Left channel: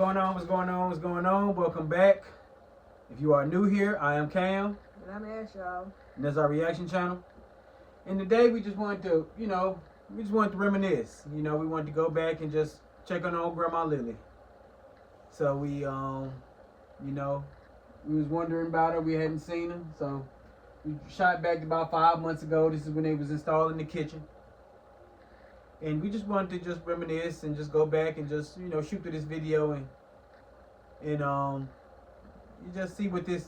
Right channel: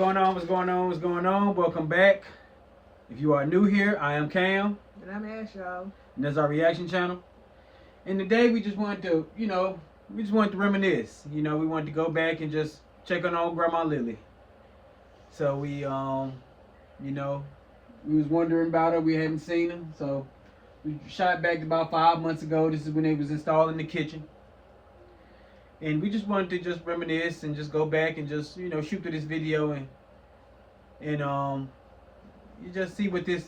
What's going on? Welcome back. If you are new here, I am Cam, And I'm Ash, y'all. and that's our reaction channel. And today we just wanted to, reminisce. We wanted to go back and just check on old Grandma Lilly. So you know, we was wondering about her. We hadn't seen her, so we shot back about 5 months ago. This is when they was installed in the kitchen. And we just wanted to just reminisce and just go back and just, shoot through this video and you just see what the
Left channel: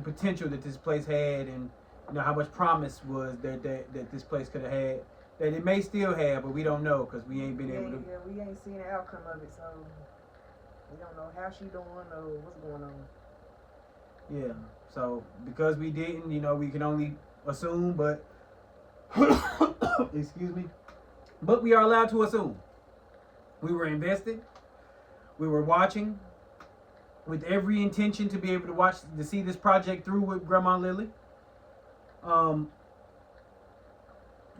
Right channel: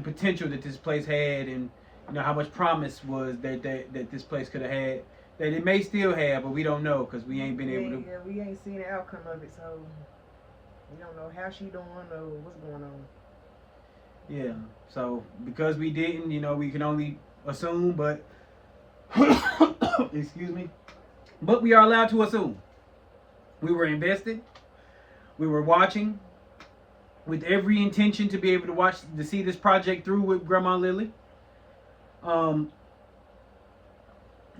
potential that this place had, and how much promise was that this place could have had, that it may still have, but we don't know because we ain't been able to. Yeah, we ain't seen the outcome of it, so we don't know how she doing or what's going on. Yeah. So because we didn't, we can only assume, but excuse me. But we are allowed to assume. We were invested. We were watching with every intention to be able to see this project through with Grandma Lilly. A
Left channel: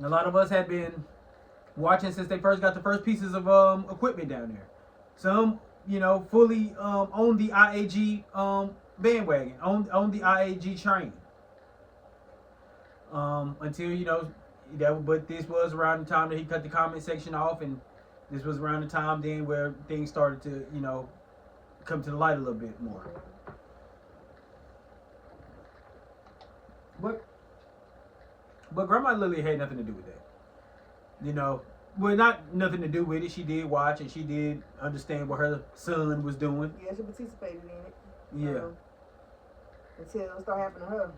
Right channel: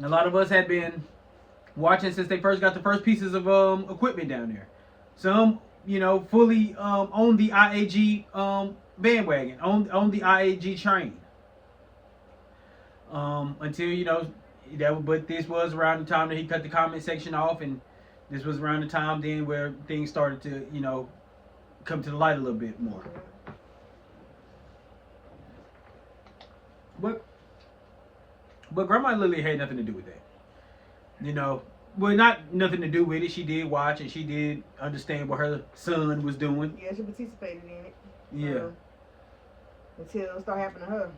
lot of us had been watching since they first got the first pieces of equipment down there. Some, fully on the IAG bandwagon, on the IAG train. Until but this was around the time that he cut the comment section off, and this was around the time then where things started to come to the light a little bit more. But Grandma Lilly had nothing to do with that. Well, not nothing to do with it. She did watch and she did understand what her son was doing. Yeah, she participated in it. Yeah. Until it started happening to her.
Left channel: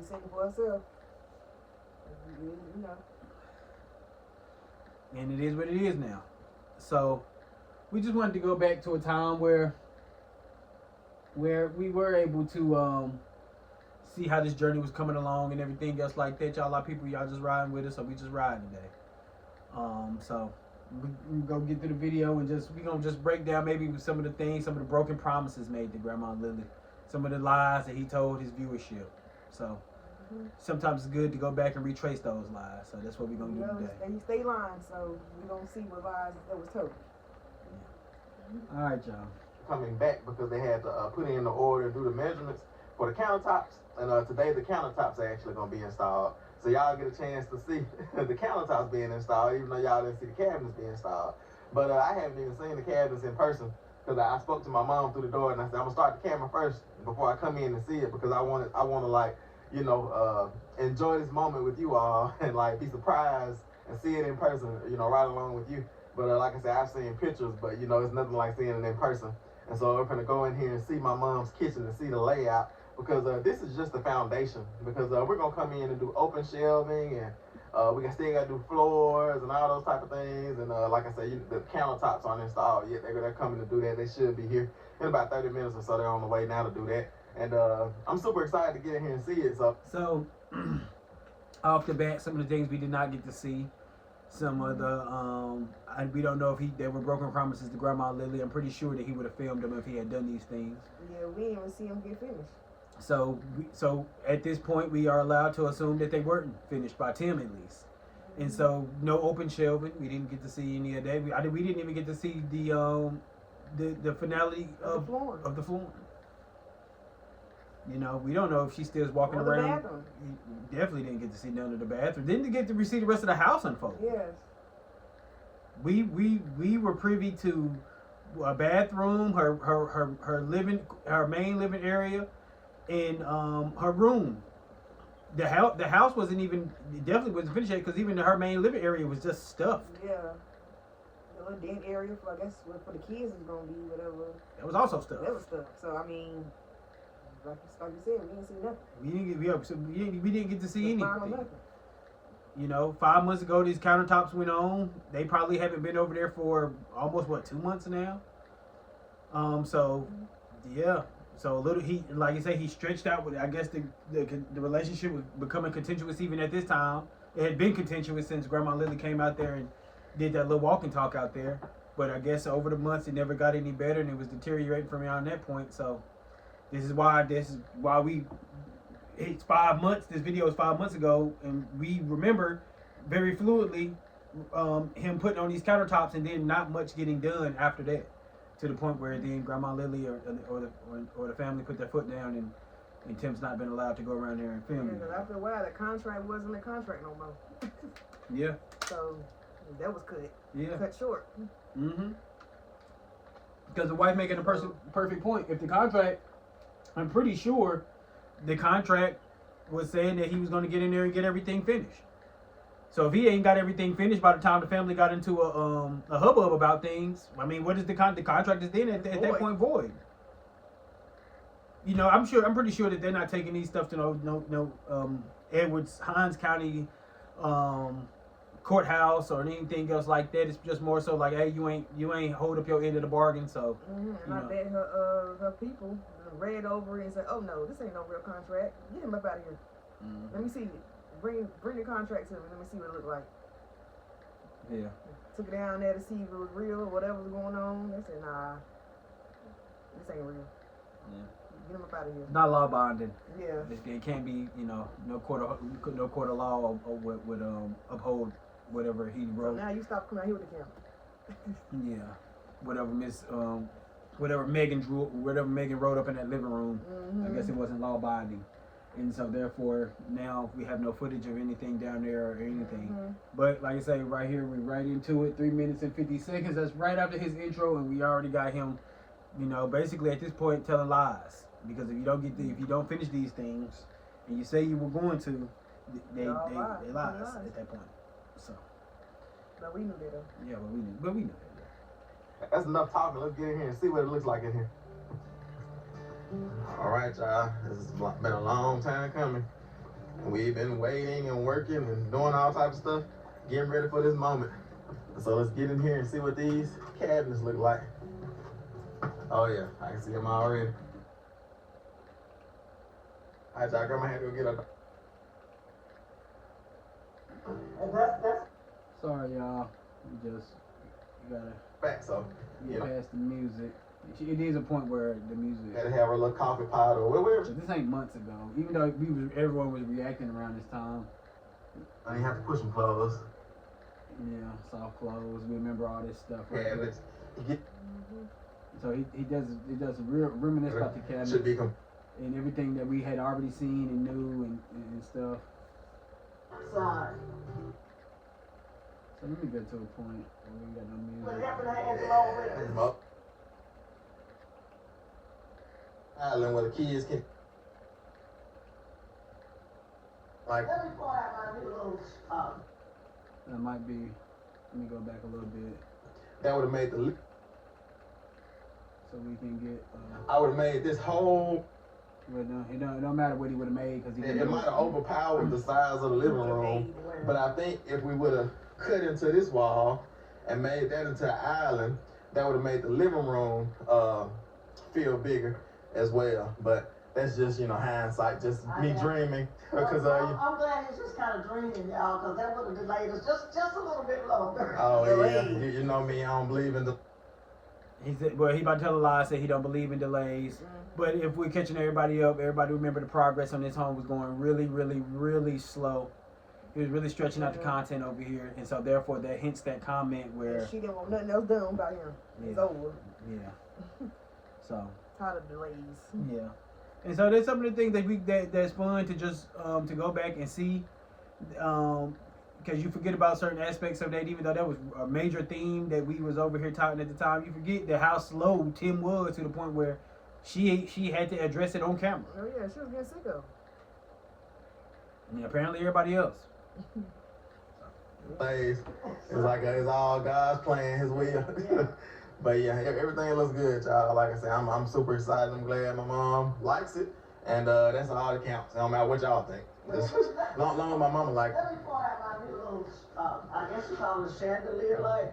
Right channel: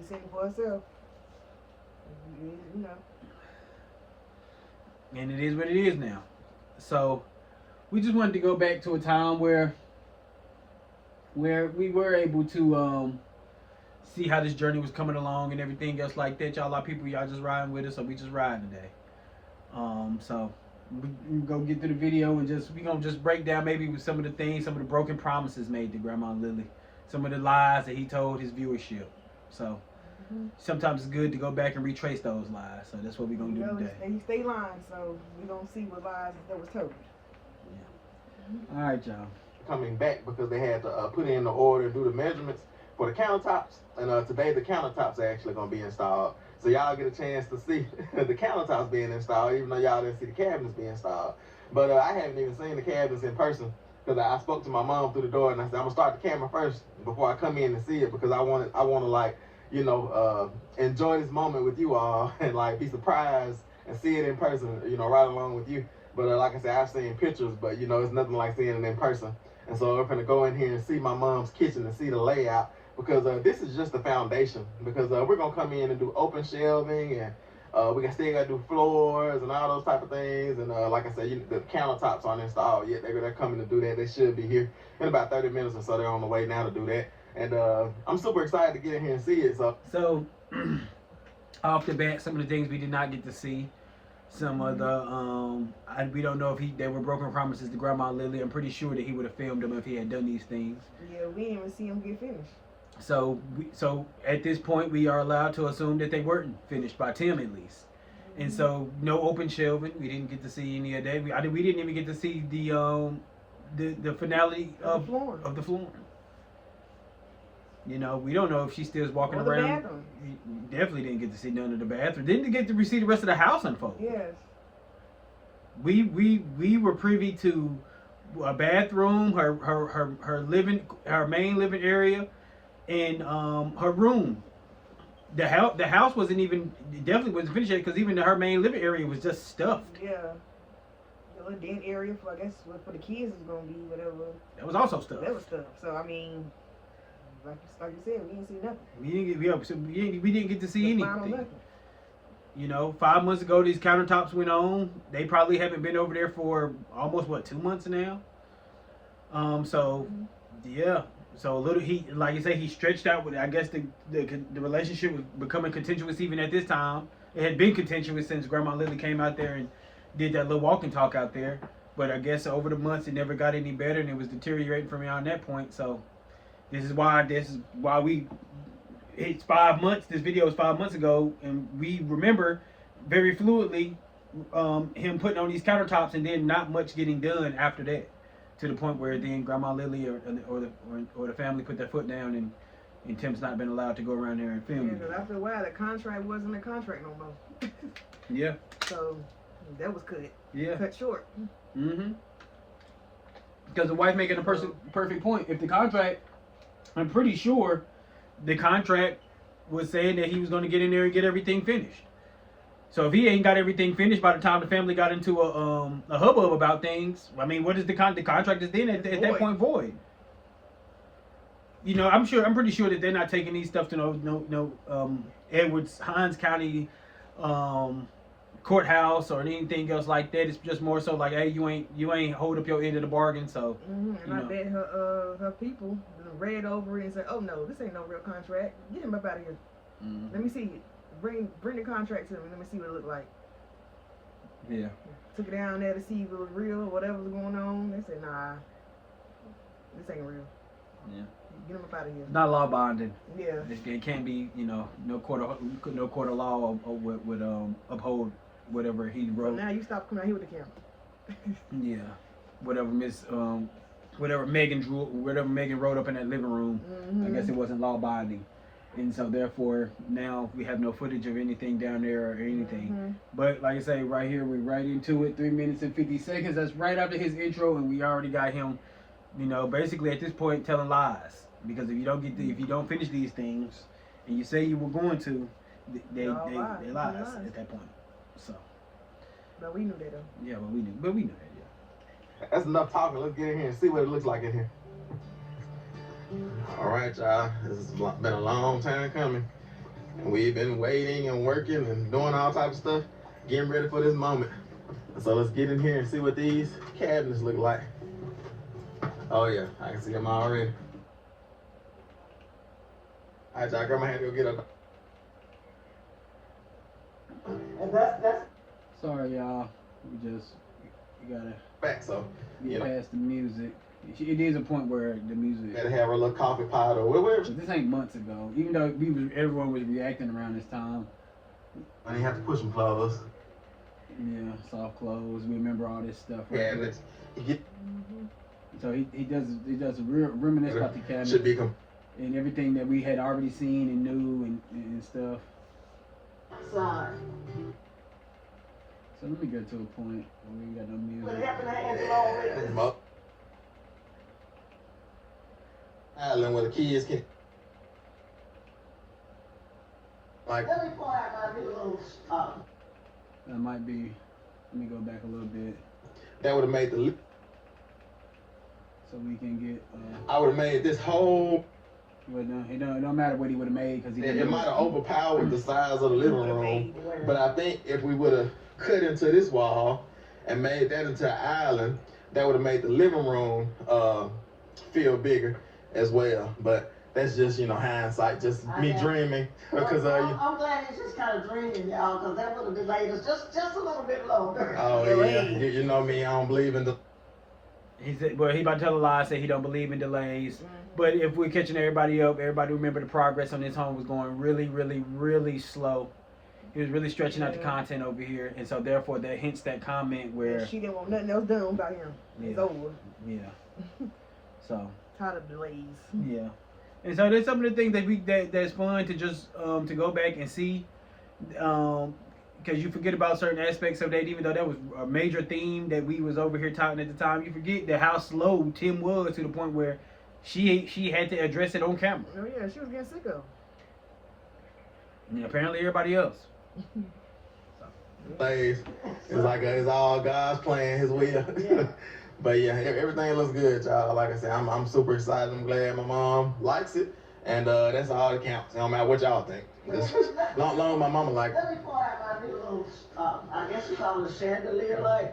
She seen it for herself. And it is what it is now. So we just wanted to go back to a time where we were able to see how this journey was coming along and everything else like that. Y'all, a lot of people, y'all just riding with us, so we just riding today. So we go get through the video and we gonna just break down maybe with some of the things, some of the broken promises made to Grandma Lilly, some of the lies that he told his viewership. So sometimes it's good to go back and retrace those lies. So that's what we're gonna do today. And he stay lying, so we gonna see what lies that was told. Yeah. All right, y'all. Coming back because they had to put in the order and do the measurements for the countertops, and today the countertops are actually going to be installed, so y'all get a chance to see the countertops being installed, even though y'all didn't see the cabinets being installed. But I haven't even seen the cabinets in person because I spoke to my mom through the door and I said I'm gonna start the camera first before I come in and see it, because I want to like enjoy this moment with you all and like be surprised and see it in person, right along with you. But like I said, I've seen pictures, but it's nothing like seeing it in person. And so we're gonna go in here and see my mom's kitchen and see the layout, because this is just the foundation. Because we're gonna come in and do open shelving, and we still gotta do floors and all those type of things. And like I said, the countertops aren't installed yet. They're coming to do that. They should be here in about 30 minutes or so. They're on the way now to do that. And I'm super excited to get in here and see it. So off the bat, some of the things we did not get to see. Some of the we don't know if they were broken promises to Grandma Lilly. I'm pretty sure that he would have filmed them if he had done these things. Yeah, we didn't even see him get finished. So at this point, we are allowed to assume that they weren't finished by Tim at least. And so no open shelving. We didn't get to see any of that. We didn't even get to see the finale of the flooring. We don't know if she still is walking around. The bathroom. Definitely didn't get to see none of the bathroom. Didn't get to see the rest of the house unfold. Yes. We were privy to a bathroom, her main living area, and her room. The house definitely wasn't finished yet, because even her main living area was just stuffed. Yeah. The little den area for, I guess, for the kids is gonna be whatever. That was also stuffed. That was stuffed. So I mean, like you said, we didn't see nothing. We didn't get to see anything. 5 months ago these countertops went on. They probably haven't been over there for almost 2 months now. Yeah. So a little, like you say, he stretched out with, I guess the relationship was becoming contentious even at this time. It had been contentious since Grandma Lilly came out there and did that little walk and talk out there. But I guess over the months it never got any better, and it was deteriorating from around that point. So this is why it's 5 months. This video was 5 months ago, and we remember very fluidly him putting on these countertops and then not much getting done after that. to the point where then Grandma Lilly or the family put their foot down and Tim's not been allowed to go around there and film. Yeah, because after a while, the contract wasn't a contract no more. Yeah. So that was cut. Yeah. Cut short. Mm-hmm. Because the wife making a perfect point. If the contract, I'm pretty sure the contract was saying that he was going to get in there and get everything finished. So if he ain't got everything finished by the time the family got into a hubbub about things, I mean, what is the contract is then at that point void? You know, I'm pretty sure that they're not taking these stuff to no Hines County courthouse or anything else like that. It's just more so like, hey, you ain't hold up your end of the bargain. So and I bet her people read over it and said, oh no, this ain't no real contract. Get him up out of here. Mm-hmm. Let me see it. Bring the contract to me. Let me see what it looked like. Yeah. Took it down there to see if it was real or whatever was going on. They said, nah, this ain't real. Yeah. Get him up out of here. It's not law binding. Yeah. It can't be, no court of law would uphold whatever he wrote. So now you stop coming out here with the camera. Yeah. Whatever Megan wrote up in that living room, I guess it wasn't law binding. And so therefore now we have no footage of anything down there or anything. But like I say, right here we're right into it, 3 minutes and 50 seconds. That's right after his intro, and we already got him, basically at this point telling lies. Because if you don't finish these things and you say you were going to, they lies at that point. So. But we knew that though. Yeah, but we knew that. Yeah. That's enough talking. Let's get in here and see what it looks like in here. All right, y'all. This has been a long time coming. And we've been waiting and working and doing all type of stuff, getting ready for this moment. So let's get in here and see what these cabinets look like. Oh yeah, I can see them already. All right, y'all. Grandma had to go get up. Sorry, y'all. We gotta Back, so get past the music. It is a point where the music. Gotta have a little coffee pot or whatever. This ain't months ago. Even though everyone was reacting around this time. I didn't have to push them clothes. Yeah, soft clothes. We remember all this stuff. Right? Cabinets. So he does reminisce about the cabinet. Should be and everything that we had already seen and knew and stuff. Sorry. So let me get to a point where we got no music. What happened to Angela already? Island where the kids can like. Let me pull out my new little That might be. Let me go back a little bit. That would have made the. So we can get. I would have made this whole. Well, no, it don't matter what he would have made because It might have overpowered the size of the living room, but I think if we would have cut into this wall and made that into an island, that would have made the living room feel bigger as well. But that's just hindsight, just me dreaming. Because I'm glad it's just kind of dreaming, y'all, because that would have delayed us just a little bit longer. Oh yeah, you know me, I don't believe in the. He said, well, he about to tell a lie, say he don't believe in delays. But if we're catching everybody up, everybody remember the progress on this home was going really, really, really slow. He was really stretching out the content over here, and so therefore that hints that comment where she didn't want nothing else done about him. It's over. Yeah. So. Tired of delays. Yeah. And so there's some of the things that's fun to just to go back and see, because you forget about certain aspects of that. Even though that was a major theme that we was over here talking at the time, you forget that how slow Tim was to the point where she had to address it on camera. Oh yeah, she was getting sick of. And apparently everybody else. It's like it's all God's plan, His will. Yeah. But yeah, everything looks good, y'all. Like I said, I'm super excited. I'm glad my mom likes it, and that's all that counts. It don't matter what y'all think. Long as my mama like it. Let me pull out my new little, I guess you call it a chandelier light.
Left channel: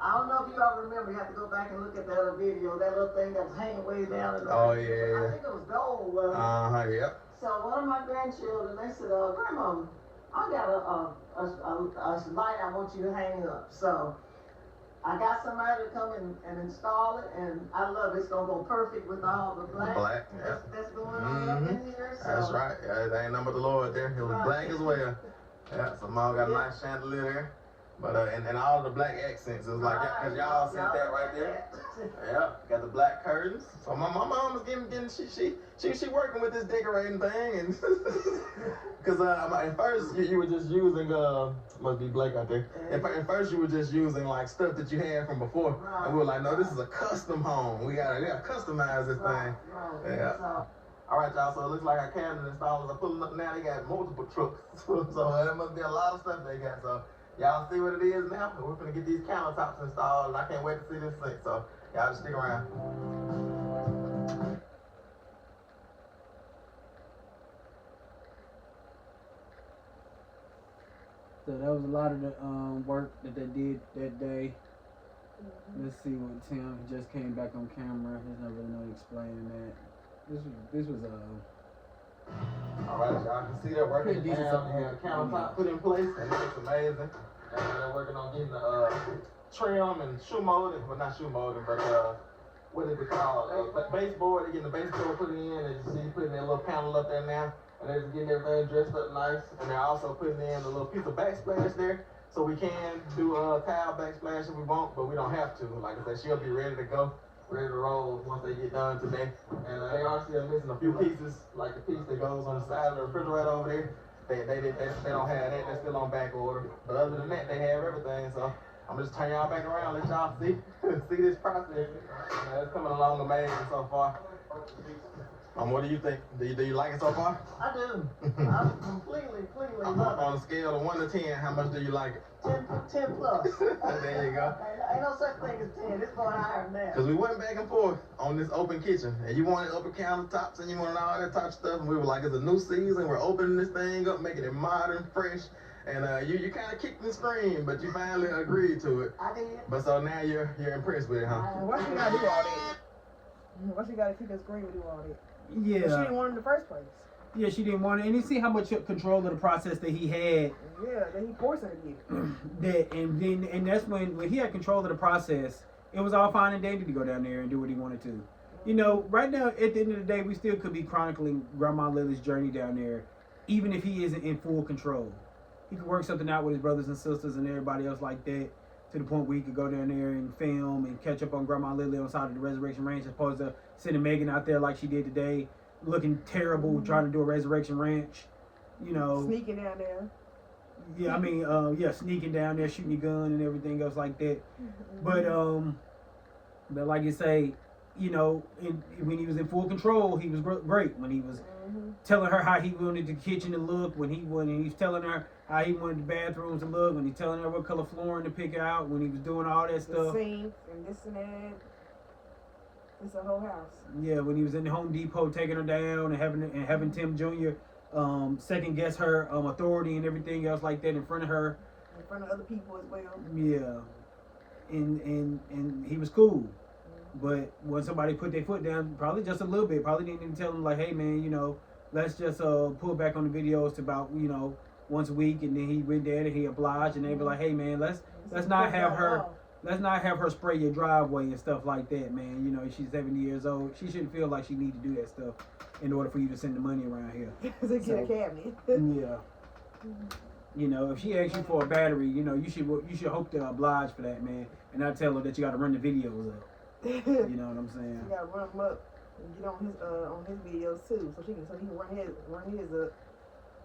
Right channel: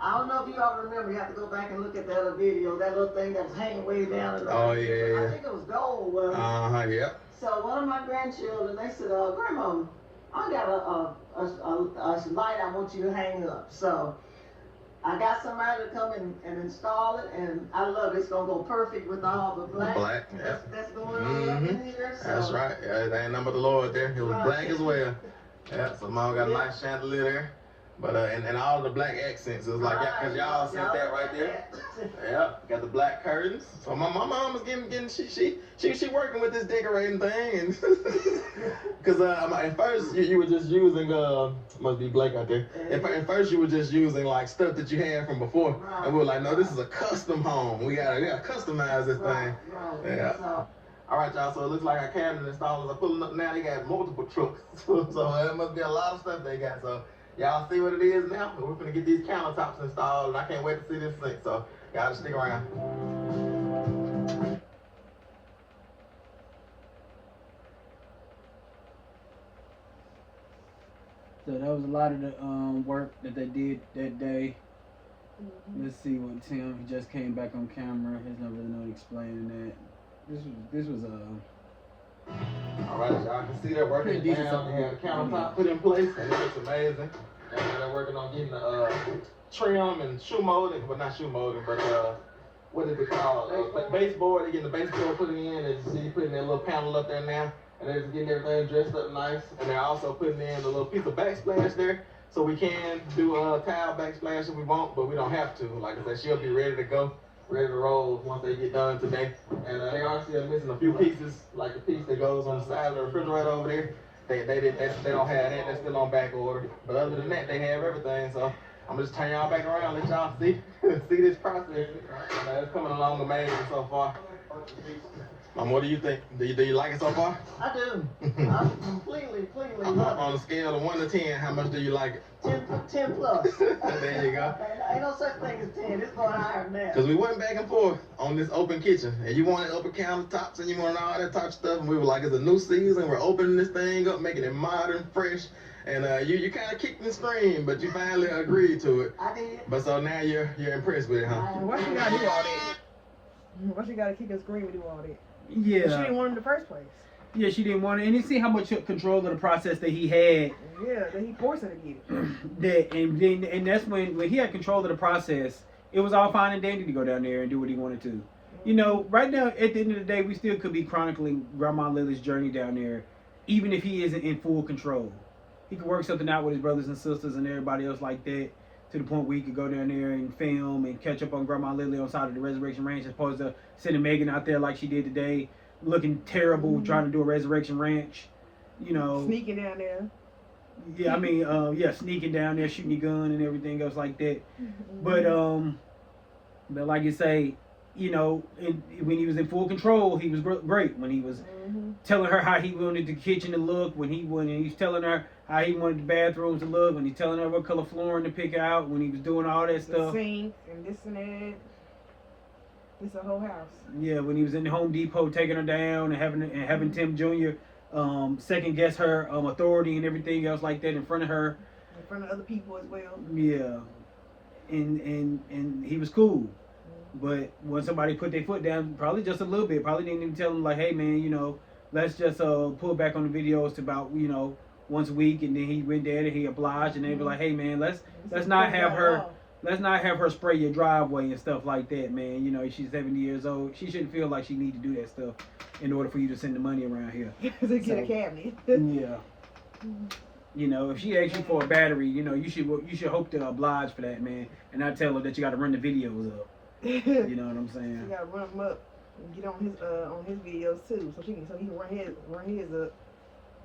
I don't know if you all remember, you have to go back and look at that other video, that little thing that was hanging way down. Oh, yeah. I think it was gold. Yeah. So one of my grandchildren, they said, Grandma, I got a light I want you to hang up. So I got somebody to come and install it, and I love it. It's going to go perfect with all the black. Yeah. That's going on up in here. So. That's right. Yeah, it ain't nothing but the Lord there. It was black as well. Yeah, so mom got a nice chandelier there. But and all the black accents is like cause y'all sent that right there. Yeah, got the black curtains. So my mom was getting she working with this decorating thing and cause at first you were just using must be black out there. At first you were just using like stuff that you had from before, and we were like, no, this is a custom home. We gotta customize this thing. Yeah. All right, y'all. So it looks like our cabinet installers are pulling up now. They got multiple trucks, so it must be a lot of stuff they got. So y'all see what it is now. We're gonna get these countertops installed, and I can't wait to see this sink. So y'all just stick around. So that was a lot of the work that they did that day. Let's see what Tim, he just came back on camera. He's not really knowing explaining that. This was All right, y'all can see they're working Pretty it down. They have the countertop put in place, and it looks amazing. And now they're working on getting the trim and shoe molding, but not shoe molding, but what is it called? Baseboard. They're getting the baseboard put in. As you see, putting that little panel up there now, and they're just getting everything dressed up nice. And they're also putting in a little piece of backsplash there, so we can do a tile backsplash if we want, but we don't have to. Like I said, she'll be ready to go, ready to roll once they get done today. And they are still missing a few pieces, like the piece that goes on the side of the refrigerator over there. They don't have that. They're still on back order. But other than that, they have everything. So I'm gonna just turn y'all back around, let y'all see see this process. It's coming along amazing so far. What do you think? Do you like it so far? I do. I completely love it. On a scale of 1 to 10, how much do you like it? 10 plus. There you go. Ain't no such thing as 10. It's going higher than that. Because we went back and forth on this open kitchen, and you wanted open countertops, and you wanted all that type of stuff, and we were like, it's a new season, we're opening this thing up, making it modern, fresh, and you kind of kicked and screamed, but you finally agreed to it. I did. But so now you're impressed with it, huh? Why she gotta do all that? Why she gotta kick and scream and do all that? yeah. She didn't want it in the first place. Yeah, she didn't want it. And you see how much control of the process that he had. Yeah, that he forced her to get it. And that's when he had control of the process, it was all fine and dandy to go down there and do what he wanted to. You know, right now, at the end of the day, we still could be chronicling Grandma Lily's journey down there, even if he isn't in full control. He could work something out with his brothers and sisters and everybody else like that, to the point where he could go down there and film and catch up on Grandma Lily on the side of the resurrection ranch, as opposed to sending Megan out there like she did today, looking terrible, trying to do a resurrection ranch. You know, Sneaking down there. yeah, I mean, sneaking down there, shooting your gun and everything else like that. But like you say, you know, when he was in full control, he was great. When he was telling her how he wanted the kitchen to look, when he's telling her how he wanted the bathrooms to look, when he's telling her what color flooring to pick out, when he was doing all that The stuff. sink and this and that. It's a whole house. Yeah, when he was in the Home Depot taking her down and having Tim Jr. Second guess her authority and everything else like that in front of her. In front of other people as well. Yeah, and he was cool, but when somebody put their foot down, probably just a little bit, probably didn't even tell him like, hey man, you know, let's just pull back on the videos to about, you know, once a week, and then he went there and he obliged, and they were like, hey man, let's not have her spray your driveway and stuff like that, man. You know, she's 70 years old. She shouldn't feel like she needs to do that stuff in order for you to send the money around here. To get a cabinet. Yeah. You know, if she asks you for a battery, you know, you should hope to oblige for that, man, and not tell her that you got to run the videos up. You know what I'm saying? You gotta run him up and get on his videos too, so he can run his up.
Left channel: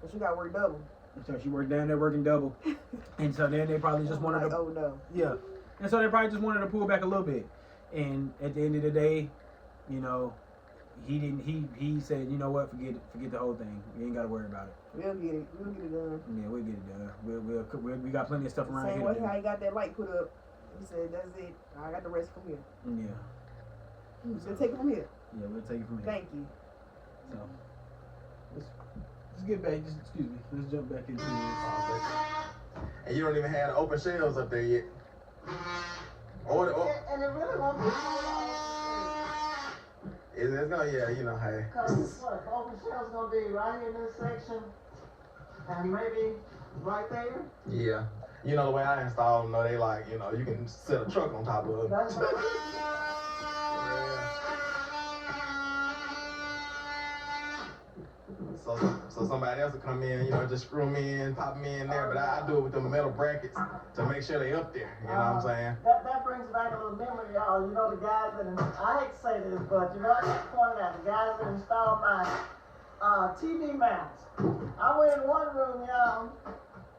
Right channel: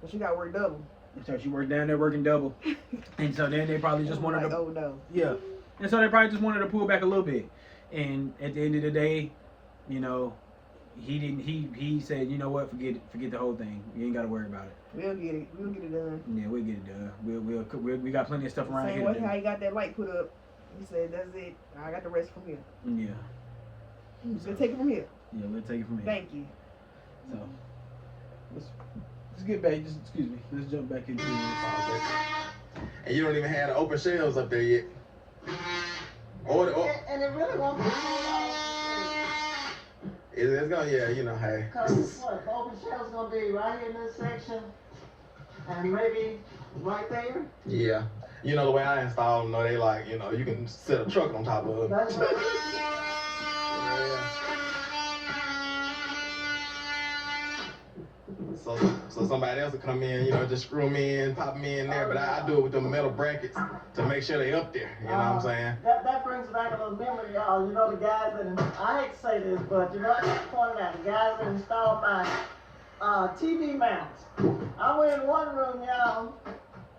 So she got work double. So she worked down there working double, and so then they probably just wanted to. Oh no. Yeah, and so they probably just wanted to pull back a little bit, and at the end of the day, you know, he didn't. He said, you know what, forget the whole thing. You ain't got to worry about it. We'll get it done. Yeah, we'll get it done. We got plenty of stuff around Same here. way how he got that light put up. He said, that's it. I got the rest from here. Yeah. We'll take it from here. Yeah, we'll take it from here. Thank you. So let's get back. Just excuse me. Let's jump back into this. And you don't even have the open shelves up there yet. And it really won't be It's gonna, yeah, you know, hey. because what? The open shelf's gonna be right in this section, and maybe right there. Yeah. You know, the way I install them, though, they like, you know, you can set a truck on top of it. That's right. so somebody else will come in, just screw them in, pop them in there. But I do it with the metal brackets to make sure they up there. You know what I'm saying? That brings back a little memory, y'all. The guys that, I hate to say this, but I just pointed out the guys that installed my TV mounts. I went in one room, y'all,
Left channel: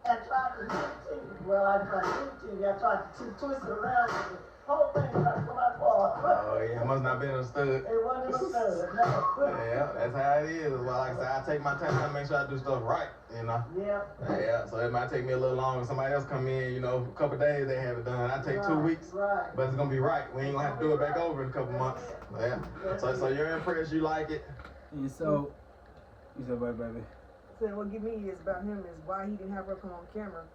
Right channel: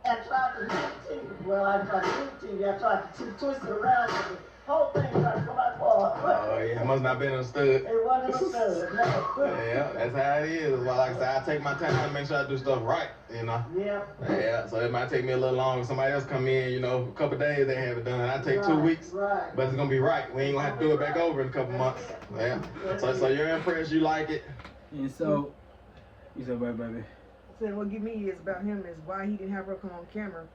and tried to do the TV. Well, I tried to do the TV. I tried to twist it around, but the whole thing tried to come out forward. Oh yeah, it must not been understood. It wasn't understood. No. Yeah, that's how it is. Well, like I said, I take my time to make sure I do stuff right. Yeah. Yeah, so it might take me a little longer. Somebody else come in, a couple days they have it done. I take 2 weeks, Right. but it's gonna be right. We ain't gonna have to do it back over in a couple months. Yeah. So you're impressed, you like it. And so, you said, wait, baby. So what get me is about him is why he didn't have her come on camera.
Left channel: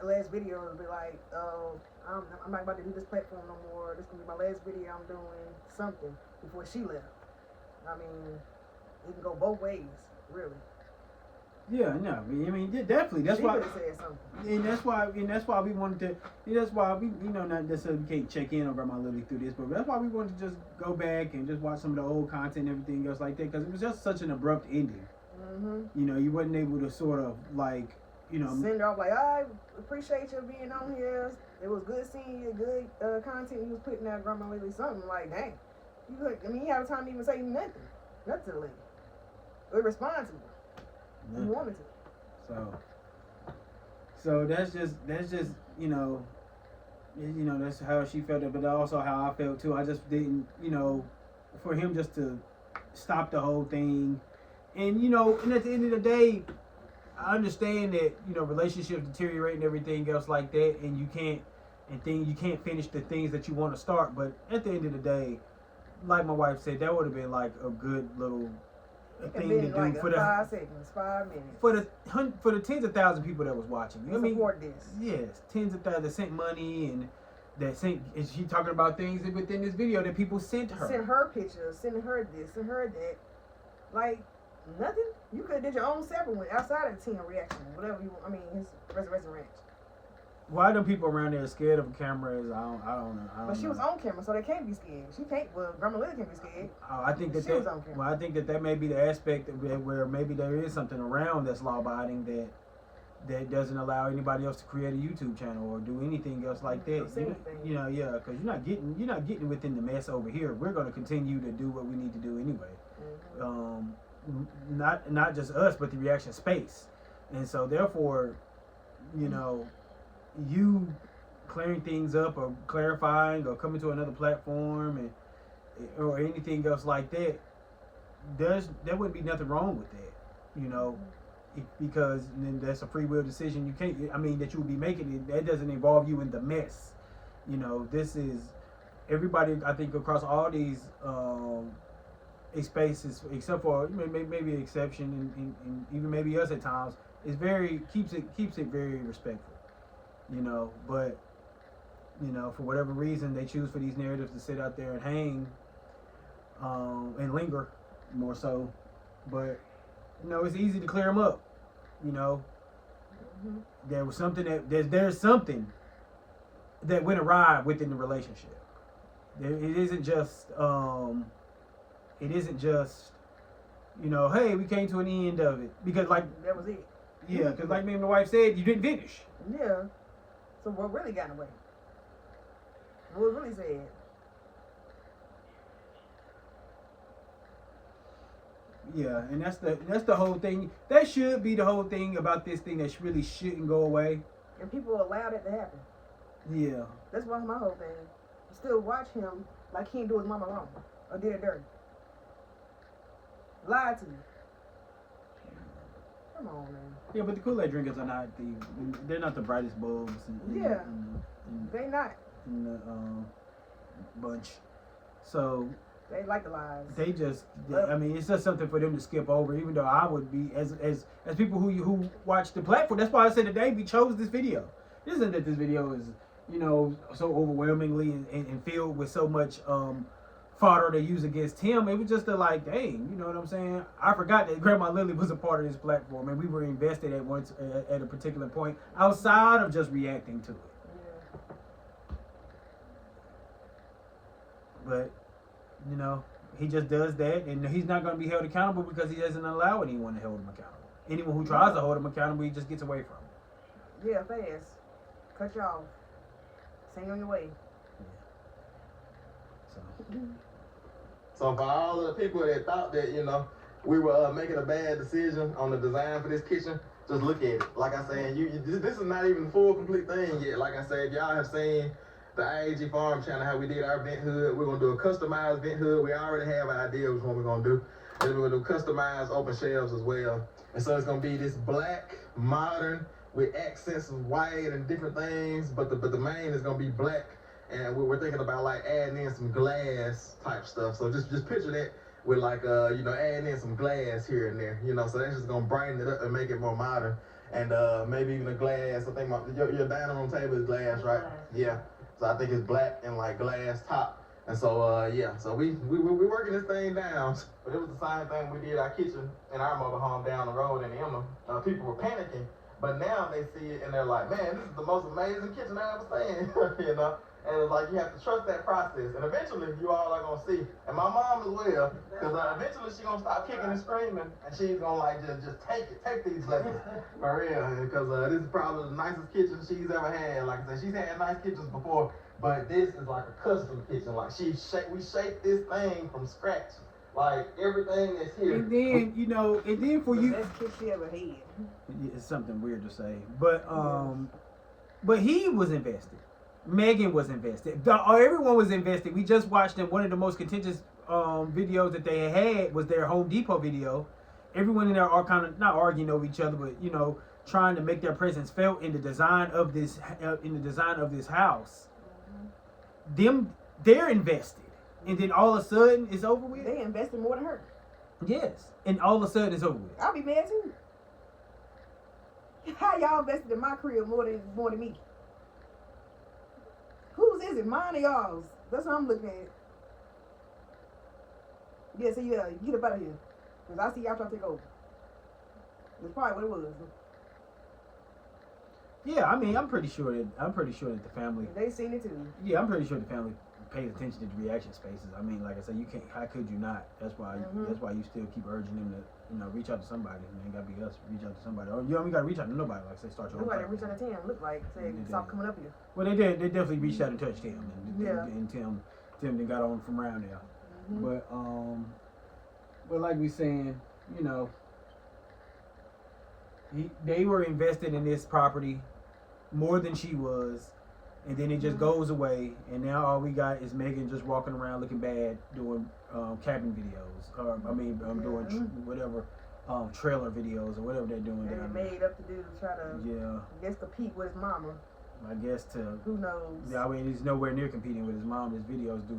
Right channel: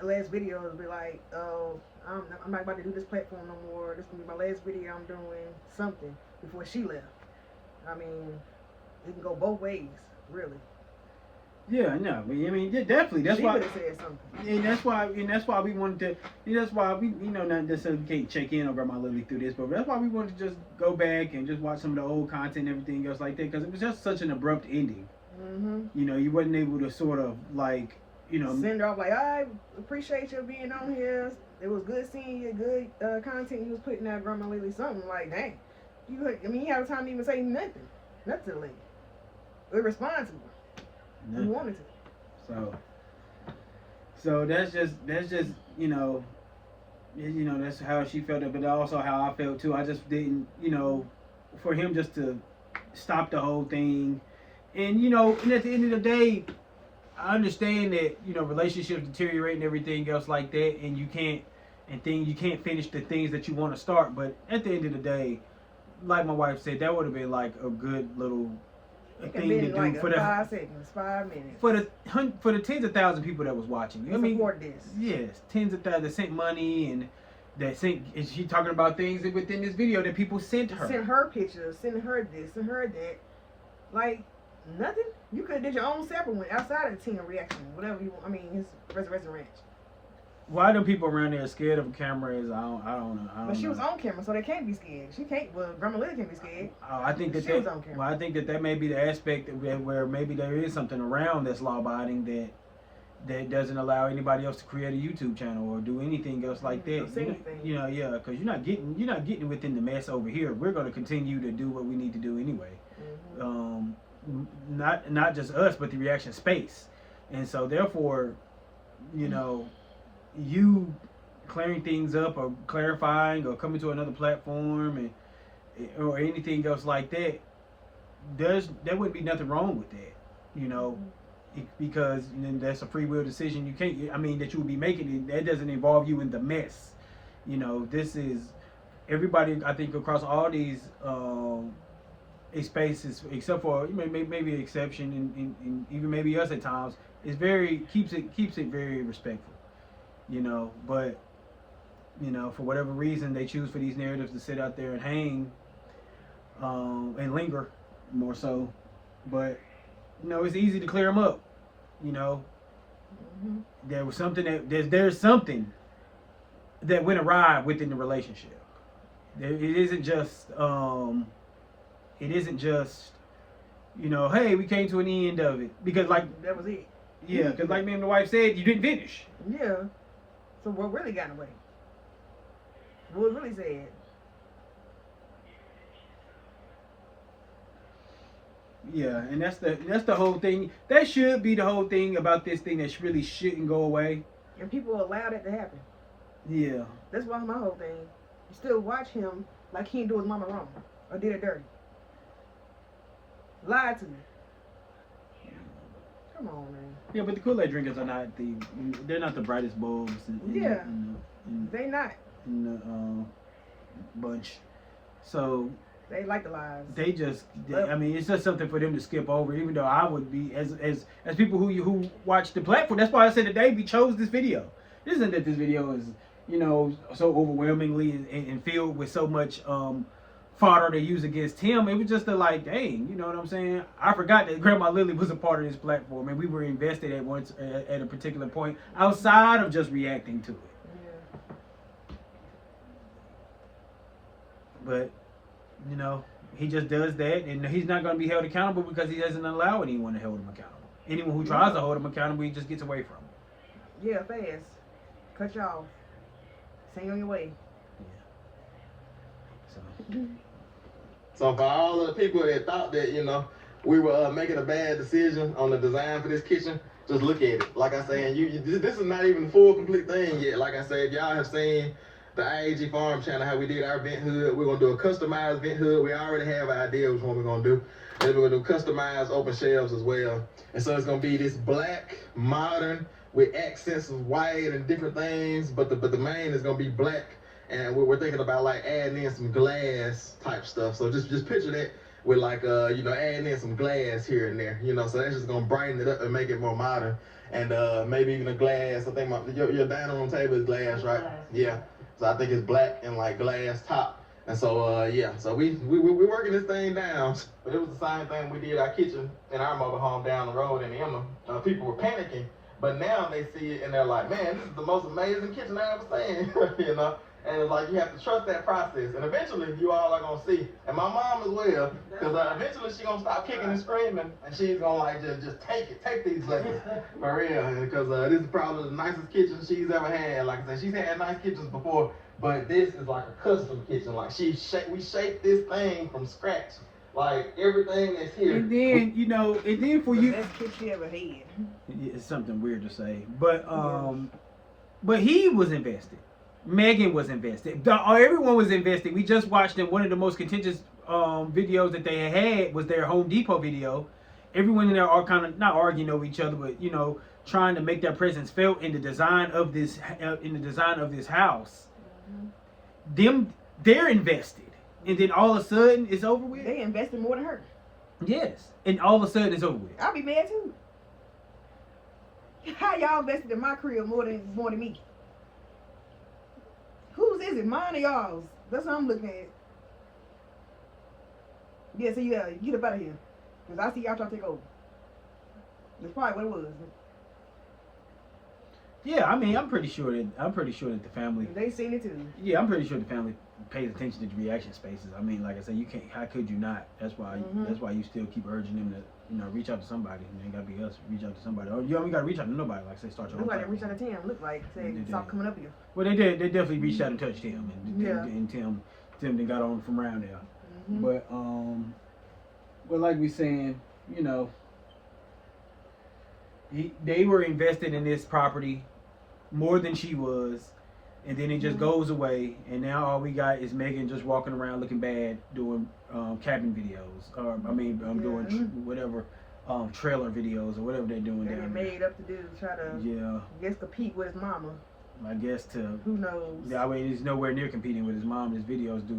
The last video will be like, I'm not about to do this platform no more. This is gonna be my last video. I'm doing something before she left. I mean, it can go both ways, really. Yeah, no, I mean, definitely. That's she why. She would have said something. And that's why we wanted to. That's why we, not necessarily can't check in on Grandma Lilly through this, but that's why we wanted to just go back and just watch some of the old content and everything else like that, because it was just such an abrupt ending. Mm-hmm. You wasn't able to sort of like, send her off like, I appreciate you being on here. It was good seeing you, good content you was putting out, Grandma Lilly. Something like, dang, you had time to even say nothing to the lady. We respond to her. You wanted to. So that's just that's how she felt it, but also how I felt too. I just didn't, for him just to stop the whole thing, and and at the end of the day, I understand that relationships deteriorate and everything else like that, and you can't finish the things that you want to start. But at the end of the day, like my wife said, that would have been like a good little thing to do like for 5 seconds, 5 minutes. For the tens of thousands of people that was watching. Support this. Yes, tens of thousands that sent money and is she talking about things within this video that people sent her? Sent her pictures, sent her this, sent her that. Like nothing. You could have did your own separate one outside of the team reaction, whatever you want. I mean, his Resurrection Ranch. Why do people around there scared of cameras? I don't know. But she was on camera, so they can't be scared. She can't. Well, Grandma Lilly can't be scared. I think that she was on camera. Well, I think that may be the aspect where maybe there is something around that's law-abiding that doesn't allow anybody else to create a YouTube channel or do anything else like that. Yeah, because you're not getting within the mess over here. We're going to continue to do what we need to do anyway. Mm-hmm. Not just us, but the reaction space, and so therefore, you clearing things up or clarifying or coming to another platform or anything else like that, there would be nothing wrong with that, because that's a free will decision. You can't, that you would be making. That doesn't involve you in the mess. This is everybody. I think across all these spaces, except for maybe an exception, and even maybe us at times, is keeps it very respectful. But for whatever reason they choose for these narratives to sit out there and hang and linger more so. But it's easy to clear them up. Mm-hmm. There was something there's something that went awry within the relationship. It isn't just hey, we came to an end of it, because like that was it. Yeah, because like me and my wife said, you didn't finish. Yeah. So what really got away? What was really said? Yeah, and that's the whole thing. That should be the whole thing about this thing that really shouldn't go away. And people allow that to happen. Yeah. That's why my whole thing. You still watch him like he didn't do his mama wrong or did it dirty. Lied to me. Come on, man. Yeah, but the Kool-Aid drinkers are they're not the brightest bulbs They not. in the bunch. So they like the lies. It's just something for them to skip over. Even though I would be as people who watch the platform. That's why I said today we chose this video. It isn't that this video is so overwhelmingly and filled with so much fodder they use against him. It was just dang, you know what I'm saying? I forgot that Grandma Lilly was a part of this platform, and we were invested at a particular point outside of just reacting to it. Yeah. But he just does that, and he's not going to be held accountable because he doesn't allow anyone to hold him accountable. Anyone who tries to hold him accountable, he just gets away from. Yeah, fast. Cut you off. Sing on your way. So. So for all of the people that thought that, you know, we were making a bad decision on the design for this kitchen, just look at it. Like I said, this is not even the full complete thing yet. Like I said, if y'all have seen the IAG Farm channel, how we did our vent hood, we're going to do a customized vent hood. We already have an idea which one we're going to do. And then we're going to do customized open shelves as well. And so it's going to be this black, modern, with accents of white and different things, but the main is going to be black. And we're thinking about like adding in some glass type stuff. So just picture that with like, you know, adding in some glass here and there, you know, so that's just going to brighten it up and make it more modern. And maybe even a glass. I think your dining room table is glass, right? Yeah. So I think it's black and like glass top. And so, yeah, so we working this thing down. But it was the same thing we did our kitchen in our mobile home down the road in Emma. People were panicking, but now they see it and they're like, man, this is the most amazing kitchen I ever seen, you know? And it's like, you have to trust that process. And eventually, you all are going to see. And my mom as well, because eventually she's going to stop kicking and screaming, and she's going to like just take these lessons. For real. Because this is probably the nicest kitchen she's ever had. Like I said, she's had nice kitchens before, but this is like a custom kitchen. Like we shaped this thing from scratch. Like everything that's here. And then, you know, and then for you. Best kitchen you ever had. It's something weird to say. But he was invested. Megan was invested. Everyone was invested. We just watched them. One of the most contentious videos that they had was their Home Depot video. Everyone in there are kind of not arguing over each other, but you know, trying to make their presence felt in the design of this house. They're invested, and then all of a sudden it's over with. They invested more than her. Yes, and all of a sudden it's over with. I'll be mad too. How y'all invested in my crib more than me? Whose is it? Mine or y'all's? That's what I'm looking at. Yeah, so yeah, get up out of here. Because I see y'all trying to take over. That's probably what it was. Yeah, I mean, I'm pretty sure that the family. They seen it too. Yeah, I'm pretty sure the family pays attention to the reaction spaces. I mean, like I said, you can't. How could you not? That's why. That's why you still keep urging them to, you know, reach out to somebody. And it gotta be us. Reach out to somebody. Or you gotta reach out to nobody. Like say, start your own. Nobody reached out to Tim. Look like say stop coming up here. Well, they did. They definitely reached out and touched him, and Tim then got on from around there. But like we saying, you know, they were invested in this property more than she was, and then it just goes away, and now all we got is Megan just walking around looking bad, doing cabin videos, or doing whatever trailer videos or whatever they're doing. They're made up to do try to guess compete with his mama. I guess who knows? Yeah, I mean, he's nowhere near competing with his mom. His videos do.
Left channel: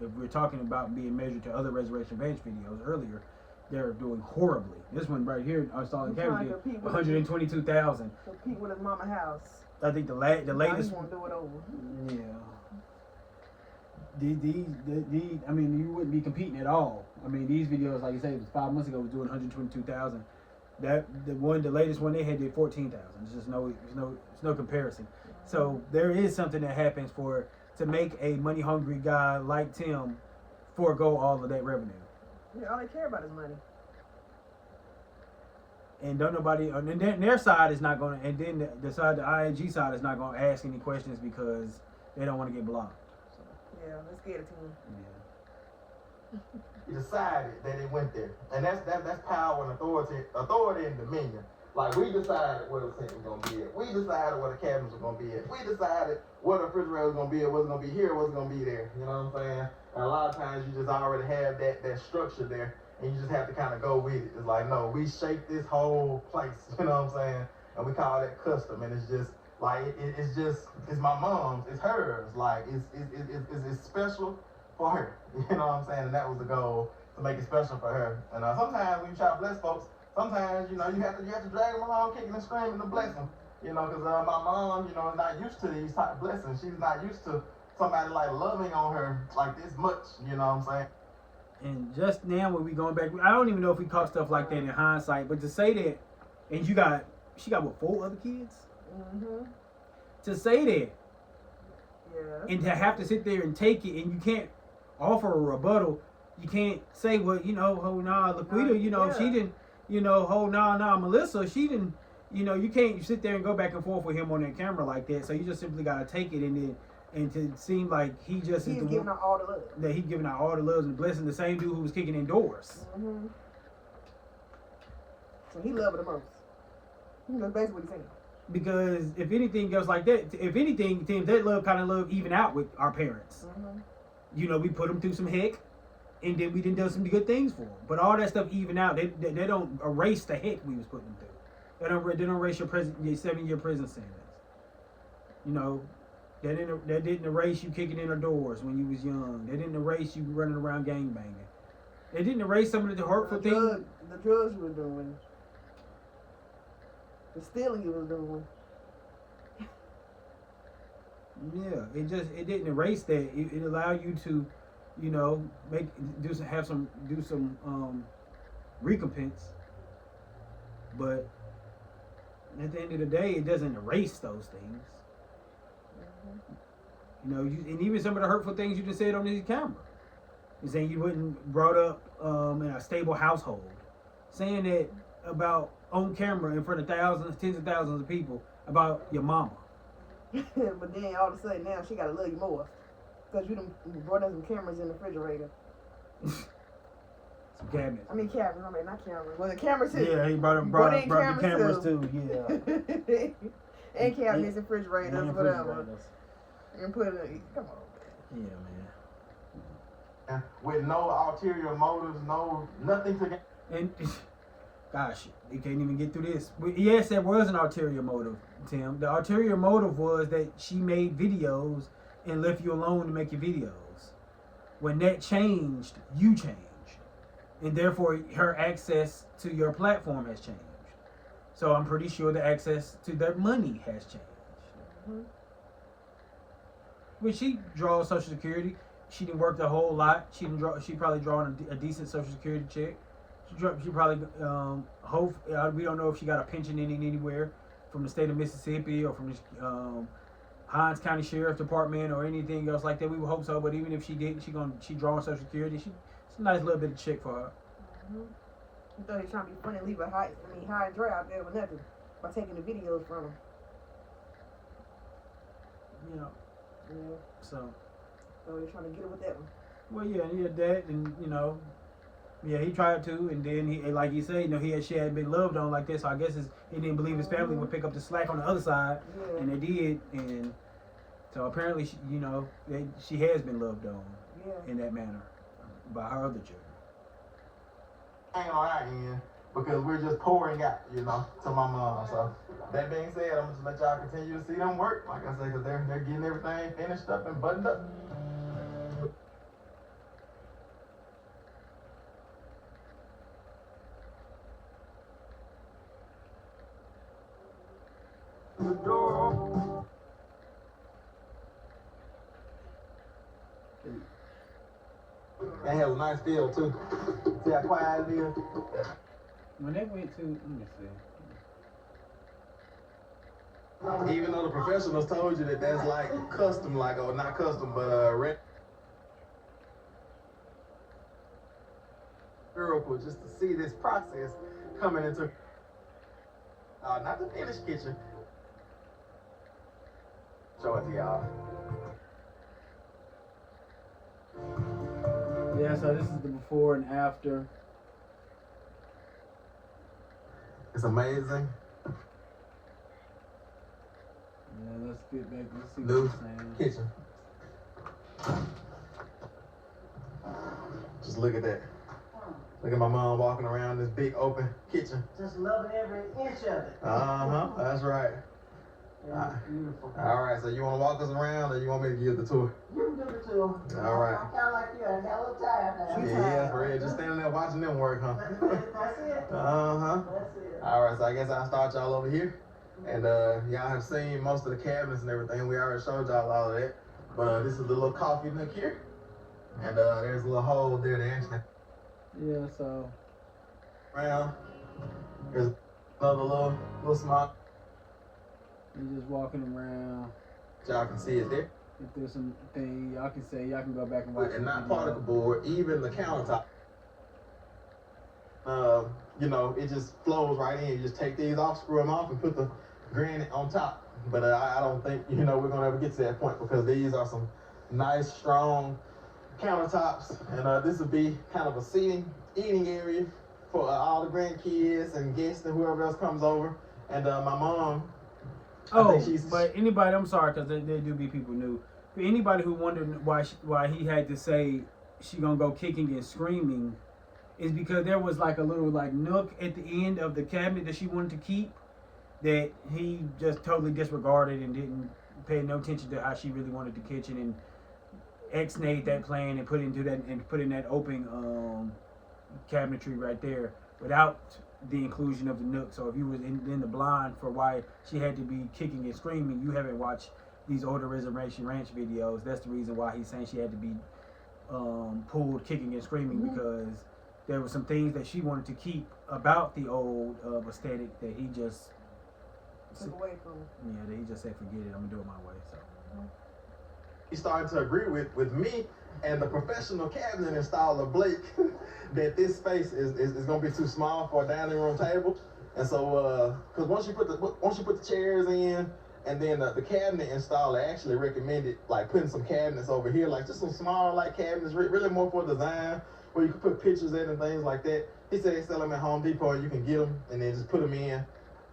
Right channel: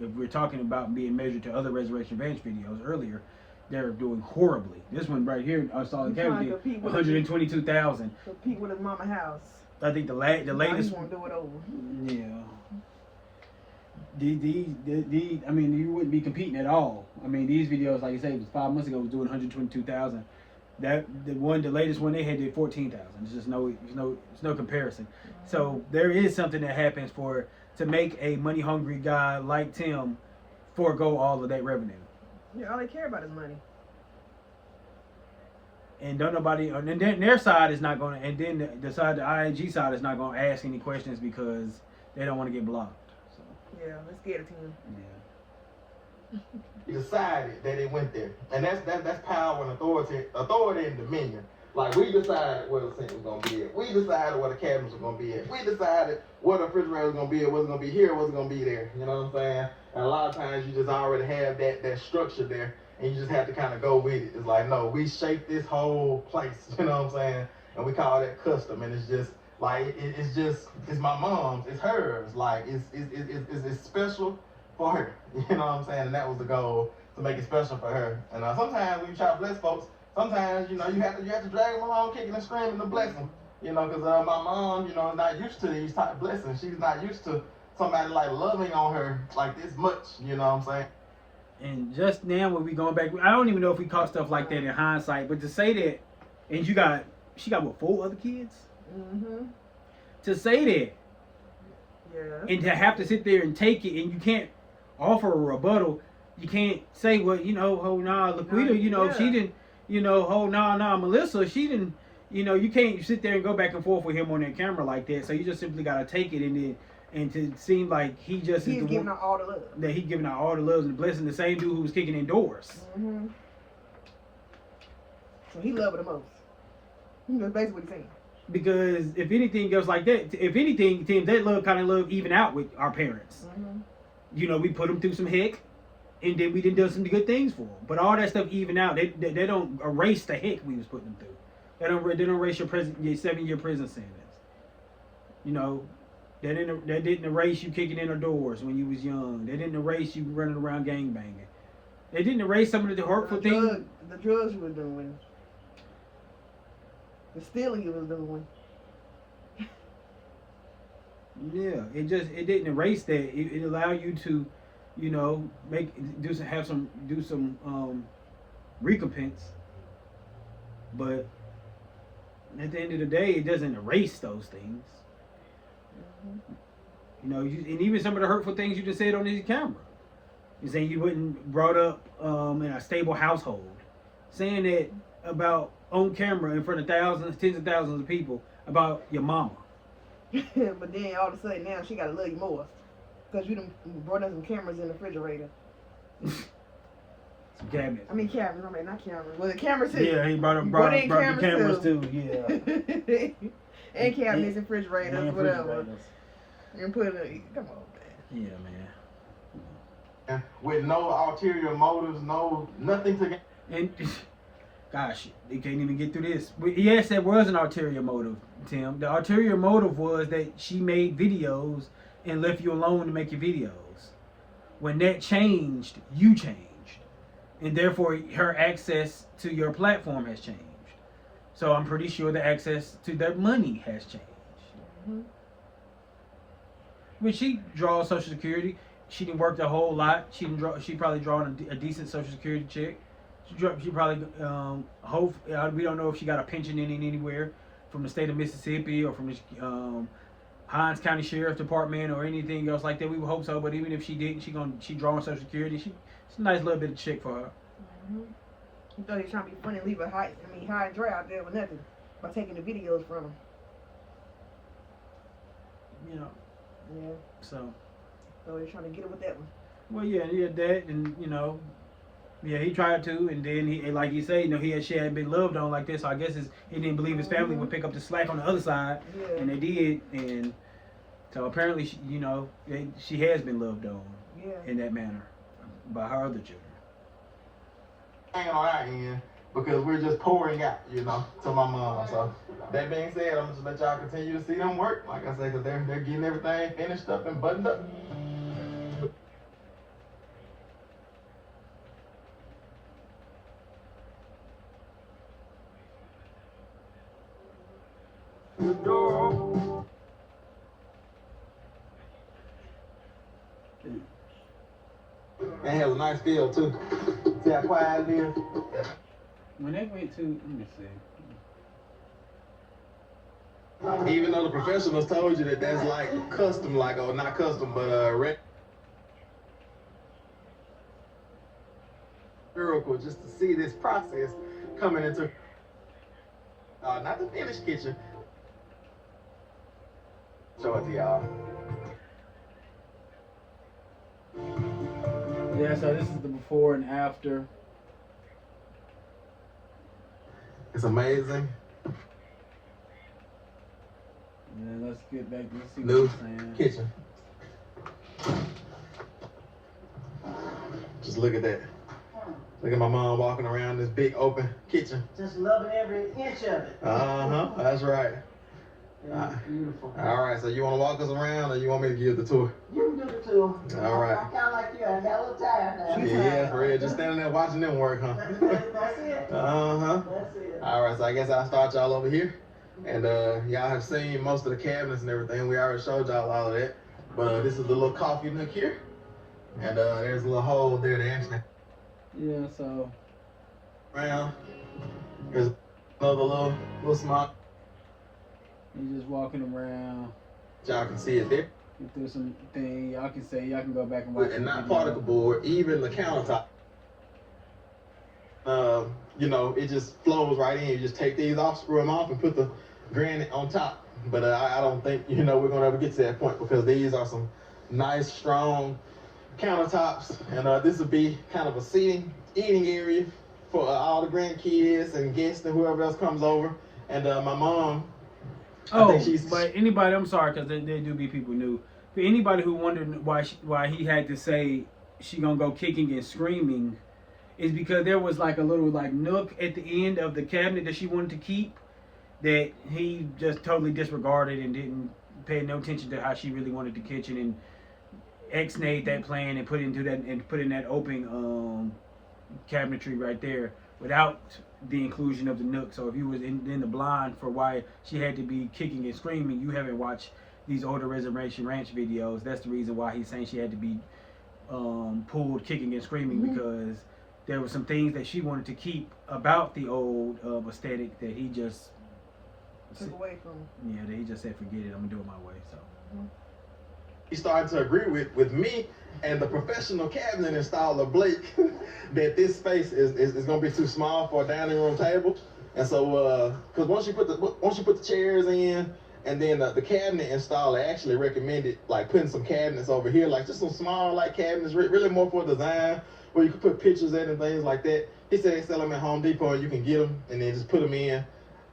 If we're talking about being measured to other Resurrection Bench videos earlier, they're doing horribly. This one right here, I saw the camera, 122,000. Compete with his mama house. I think the latest. Want to do it over. Yeah. I mean, you wouldn't be competing at all. I mean, these videos, like I said, it was 5 months ago, was doing 122,000. The latest one they had did 14,000. It's just no comparison. So there is something that happens to make a money hungry guy like Tim forego all of that revenue. Yeah, all they care about is money. And don't nobody, and then their side is not going to, and then the IAG side is not going to ask any questions because they don't want to get blocked. So. Yeah, they're scared of Tim. Yeah. He decided that it went there, and that's power and authority and dominion. Like we decided where the sink was gonna be at. We decided where the cabinets were gonna be at. We decided where the refrigerator was gonna be at. What's gonna be here? What's gonna be there? You know what I'm saying? And a lot of times you just already have that structure there, and you just have to kind of go with it. It's like, no, we shaped this whole place. You know what I'm saying? And we call that custom, and it's just like it's my mom's, it's hers. Like it's special for her. You know what I'm saying? And that was the goal, to make it special for her. And sometimes when you try to bless folks, sometimes, you know, you have to drag them along kicking and screaming to bless them. You know, because my mom, you know, is not used to these type of blessings. She's not used to somebody like loving on her like this much. You know what I'm saying? And just now when we going back, I don't even know if we caught stuff like that in hindsight, but to say that, and she got what, 4 other kids? To say that, and to have to sit there and take it, and you can't offer a rebuttal, you can't say, well, you know, oh nah, Laquita, you know, she didn't, you know, oh nah, Melissa, she didn't, you know, you can't sit there and go back and forth with him on that camera like that. So you just simply gotta take it and to seem like he just He's is the giving one out all the love. that he giving out all the loves and blessings. The same dude who was kicking in doors. Mm-hmm. So he loved her the most. That's basically what he's saying. Because if anything goes like that, if anything, Tim, that love even out with our parents. Mm-hmm. You know, we put them through some heck, and then we didn't do some good things for them. But all that stuff even out. They don't erase the heck we was putting them through. They don't erase your 7-year prison sentence. You know, that didn't erase you kicking in the doors when you was young. They didn't erase you running around gangbanging. They didn't erase some of the hurtful things. The drugs you were doing. The stealing you was doing. Yeah, it didn't erase that. It allowed you to, you know, do some recompense. But at the end of the day, it doesn't erase those things. You know, and even some of the hurtful things you just said on this camera. You're saying you wasn't brought up in a stable household. Saying that about on camera in front of thousands, tens of thousands of people about your mama. But then all of a sudden now she gotta love you more. Because you done brought in some cameras in the refrigerator. Some cabinets. I mean cameras, not cameras. Well, the cameras too. Yeah, he brought the cameras too. Yeah. And cabinets and refrigerators, And whatever. refrigerators. And put it in. Come on, man. Yeah, man. With no ulterior motives, nothing to. And gosh, they can't even get through this. Yes, there was an ulterior motive, Tim. The ulterior motive was that she made videos and left you alone to make your videos. When that changed, you changed. And therefore, her access to your platform has changed. So I'm pretty sure the access to their money has changed. Mm-hmm. When she draws Social Security, she didn't work a whole lot. She probably drawing a decent Social Security check. She probably we don't know if she got a pension in anywhere from the state of Mississippi or from the Hines County Sheriff's Department or anything else like that. We would hope so, but even if she didn't, she drawing Social Security. It's a nice little bit of check for her. Mm-hmm. You thought he was trying to be funny and leave her high and dry out there with nothing by taking the videos from him. You know. Yeah. So he's trying to get her with that one. Well, yeah, that, and you know, yeah, he tried to, and then he, like you say, you know, she hadn't been loved on like this. So I guess he didn't believe his family would pick up the slack on the other side, and they did, and so apparently, she has been loved on in that manner by her other children. Hanging on our end because we're just pouring out, to my mom. So that being said, I'm just let y'all continue to see them work. Like I said, because they're getting everything finished up and buttoned up. It has a nice feel too. See how quiet it is? When they went to, let me see. Even though the professionals told you that that's like custom, or not custom, but miracle just to see this process coming into not the finished kitchen. Show it to y'all. Yeah, so this is the before and after. It's amazing. Yeah, let's get back. Let's see New what you're saying. kitchen. Just look at that. Look at my mom walking around this big open kitchen. Just loving every inch of it. That's right. Beautiful. All right, so you want to walk us around or you want me to give the tour? You can do the tour. All right. I'm kind of like you. I got a little tired now. Yeah, for real. Just standing there watching them work, huh? That's it. That's it. All right, so I guess I'll start y'all over here. And y'all have seen most of the cabinets and everything. We already showed y'all all of that. But this is the little coffee nook here. And there's a little hole there to actually. Yeah, so. Around. There's another little small. You're just walking around. Y'all can see it there. If there's something y'all can say, y'all can go back and watch. And the not video. particle board, even the countertop. You know, it just flows right in. You just take these off, screw them off, and put the granite on top. But I don't think, you know, we're going to ever get to that point because these are some nice, strong countertops. And this will be kind of a eating area for all the grandkids and guests and whoever else comes over. And my mom, I think she's... But anybody, I'm sorry, because there do be people new. For anybody who wondered why he had to say she gonna go kicking and screaming, is because there was like a little like nook at the end of the cabinet that she wanted to keep that he just totally disregarded and didn't pay no attention to how she really wanted the kitchen, and ex-nayed that plan and put in that open cabinetry right there without the inclusion of the nook. So if you was in the blind for why she had to be kicking and screaming, you haven't watched these older Reservation Ranch videos. That's the reason why he's saying she had to be pulled kicking and screaming, because there were some things that she wanted to keep about the old aesthetic that he just Took away from him. that he just said, forget it, I'm gonna do it my way. So he started to agree with me and the professional cabinet installer Blake that this space is going to be too small for a dining room table. And so because once you put the chairs in, and then the cabinet installer actually recommended like putting some cabinets over here, like just some small like cabinets, really more for design, where you can put pictures in and things like that. He said they sell them at Home Depot and you can get them and then just put them in.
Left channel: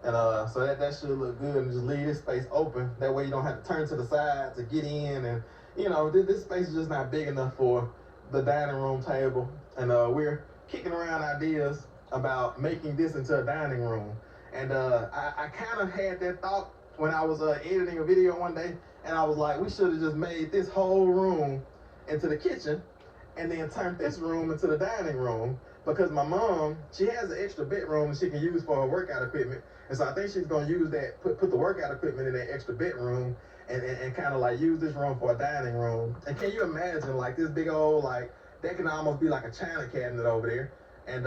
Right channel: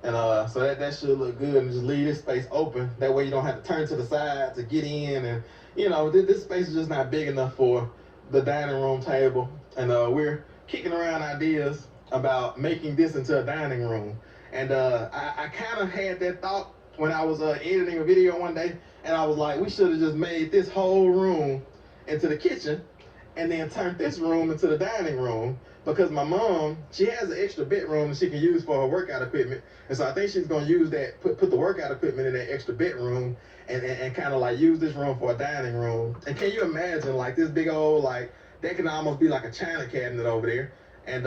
And so that should look good, and just leave this space open. That way you don't have to turn to the side to get in. And you know, this space is just not big enough for the dining room table. And we're kicking around ideas about making this into a dining room. And I kind of had that thought when I was editing a video one day, and I was like, we should have just made this whole room into the kitchen and then turned this room into the dining room, because my mom, she has an extra bedroom that she can use for her workout equipment. And so I think she's going to use that, put the workout equipment in that extra bedroom and kind of like use this room for a dining room. And can you imagine like this big old, like that can almost be like a china cabinet over there. And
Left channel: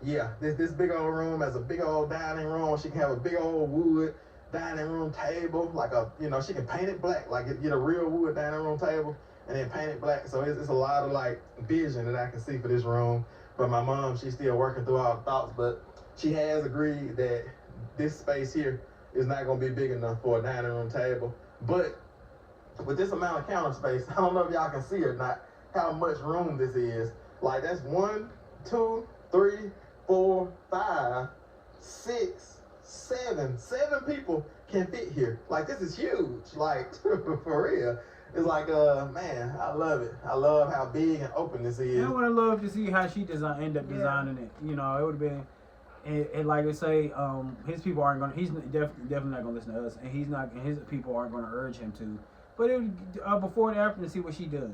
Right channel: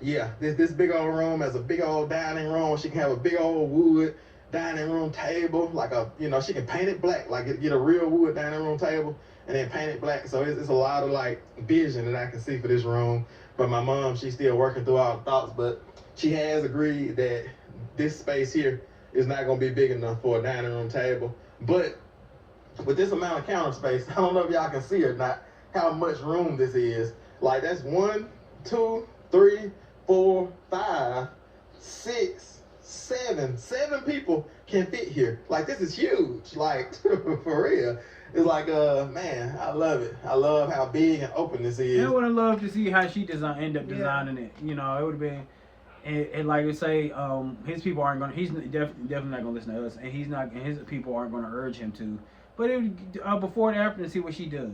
yeah, this big old room has a big old dining room. She can have a big old wood dining room table, like a, you know, she can paint it black, like get a real wood dining room table and then paint it black. So it's a lot of like vision that I can see for this room. But my mom, she's still working through all the thoughts, but she has agreed that this space here is not going to be big enough for a dining room table. But with this amount of counter space, I don't know if y'all can see or not how much room this is. Like that's 1, 2, 3, 4, 5, 6, 7. 7 people can fit here. Like this is huge. Like for real. It's like, man, I love it. I love how big and open this is. I would have loved to see how she end up designing it. You know, it would have been, and like I say, his people aren't gonna. He's definitely not gonna listen to us, and he's not, and his people aren't gonna urge him to. But it would, before and after, and see what she does.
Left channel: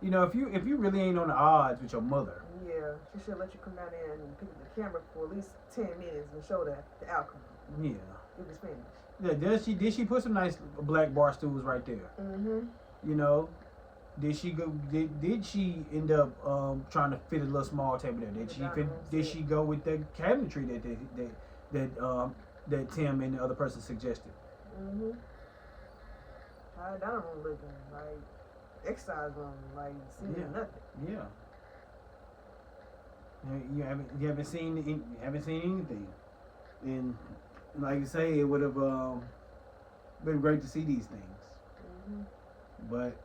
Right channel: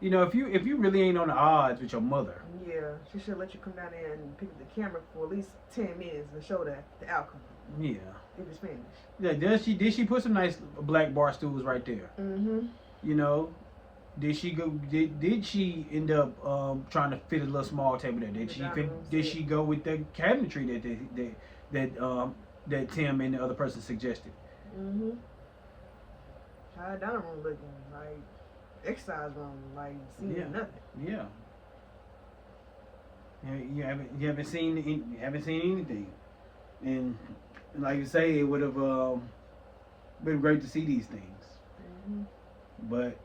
You know, if you really ain't on the odds with your mother. Yeah, she should let you come down there and pick up the camera for at least 10 minutes and show the outcome. Yeah. If it's finished. Yeah, did she put some nice black bar stools right there? Mm-hmm. You know, did she she end up trying to fit a little small table there? Did she go with the cabinetry that Tim and the other person suggested? Mm-hmm. How dining room looking, like exercise room, like seeing nothing. Yeah. You haven't seen anything, and like you say, it would have been great to see these things. Mm-hmm. But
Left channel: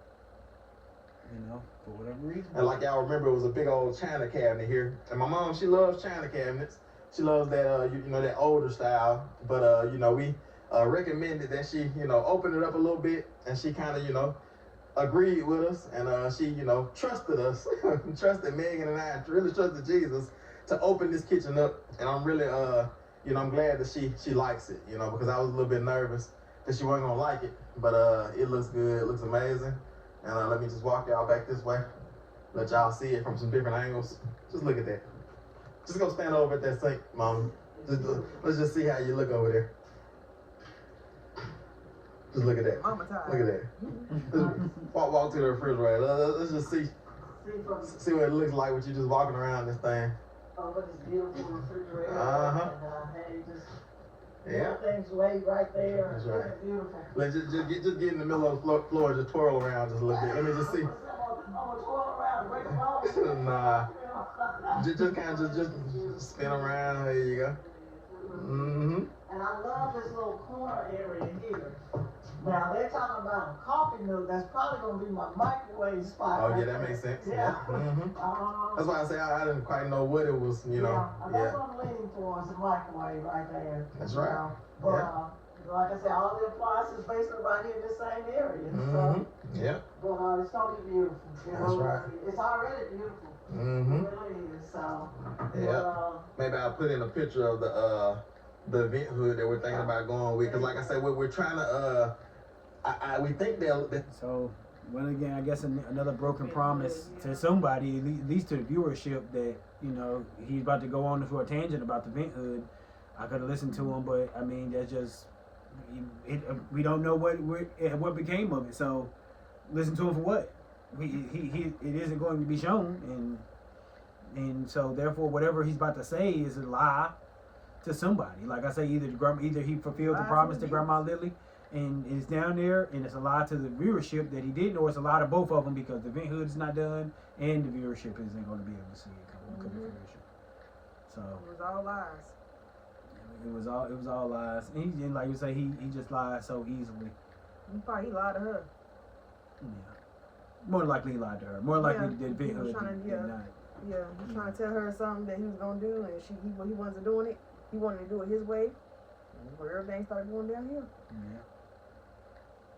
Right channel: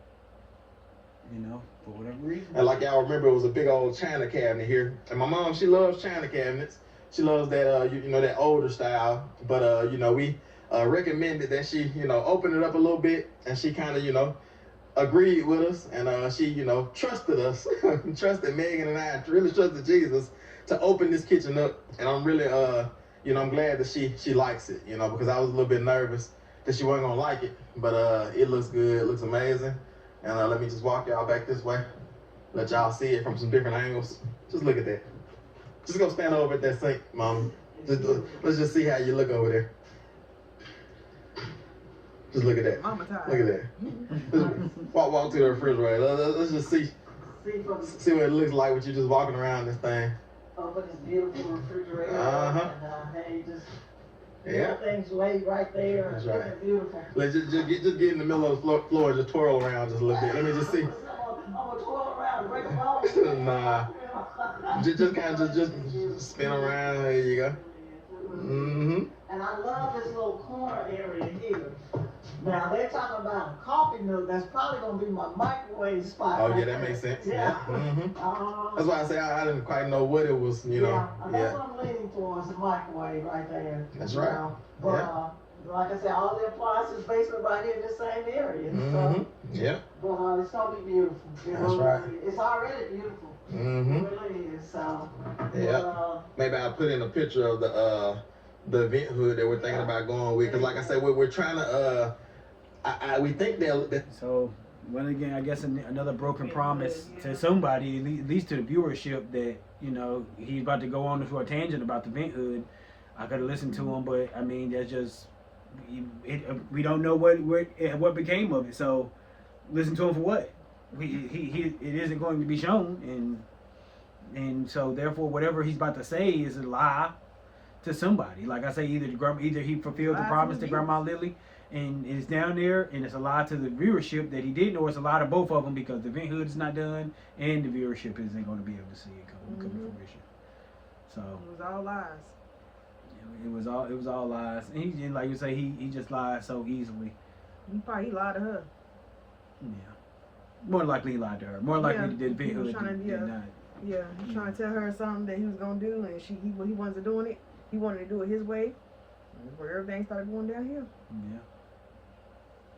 you know, for whatever reason. And like y'all remember, it was a big old china cabinet here. And my mom, she loves china cabinets. She loves that you know, that older style. But you know, we recommended that she, you know, open it up a little bit, and she kind of, you know, agreed with us, and she, you know, trusted us, trusted Megan and I, really trusted Jesus to open this kitchen up. And I'm really you know, I'm glad that she likes it, you know, because I was a little bit nervous that she wasn't gonna like it. But it looks good, it looks amazing. And let me just walk y'all back this way, let y'all see it from some different angles. Just look at that. Just go stand over at that sink, Mom. Let's just see how you look over there. Just look at that. Mama tired. Look at that. Just walk to the refrigerator. Let's just see what it looks like with you just walking around this thing. Open this beautiful refrigerator. Uh-huh. And hey, just Yeah. Everything's laid right there. That's right. It's beautiful. Let's just get in the middle of the floor and just twirl around just a little bit. Let me just see. I'm gonna twirl around and break a bone. Nah. Just kind of just spin around. There you go. Mm-hmm. And I love this little corner area here. Now they're talking about a coffee nook. That's probably gonna be my microwave spot. Oh right yeah, that there. makes sense. Yeah. Mm-hmm. That's why I say I didn't quite know what it was. You know. Yeah. That's Yeah. what I'm leaning towards, the microwave right there. That's right. You know? But like I said, all the appliances basically right here in the same area. Mm-hmm. So, Yeah. but it's gonna be beautiful. You That's know? right. It's already beautiful. Mm-hmm. It really is. So. Yeah. But, Maybe I'll put in a picture of the event hood that we're thinking about going with, because like I said, we're trying to we think that So, well, again, I guess another broken promise to somebody, at least to the viewership, that, you know, he's about to go on for a tangent about the vent hood. I could have listened to him, but I mean, that's just we don't know what became of it. So, listen to him for what? It isn't going to be shown, and so therefore, whatever he's about to say is a lie to somebody. Like I say, either he fulfilled the promise to Grandma Lilly, and it's down there, and it's a lie to the viewership that he didn't, or it's a lie to both of them because the event hood is not done, and the viewership isn't going to be able to see it come to fruition. So It was all lies. it was all lies, and he, like you say, he just lied so easily. He lied to her. Yeah, more likely he lied to her. More likely the event he was hood trying to, did not. Yeah, he's trying to tell her something that he was gonna do, and he wasn't doing it. He wanted to do it his way. And that's where everything started going downhill. Yeah,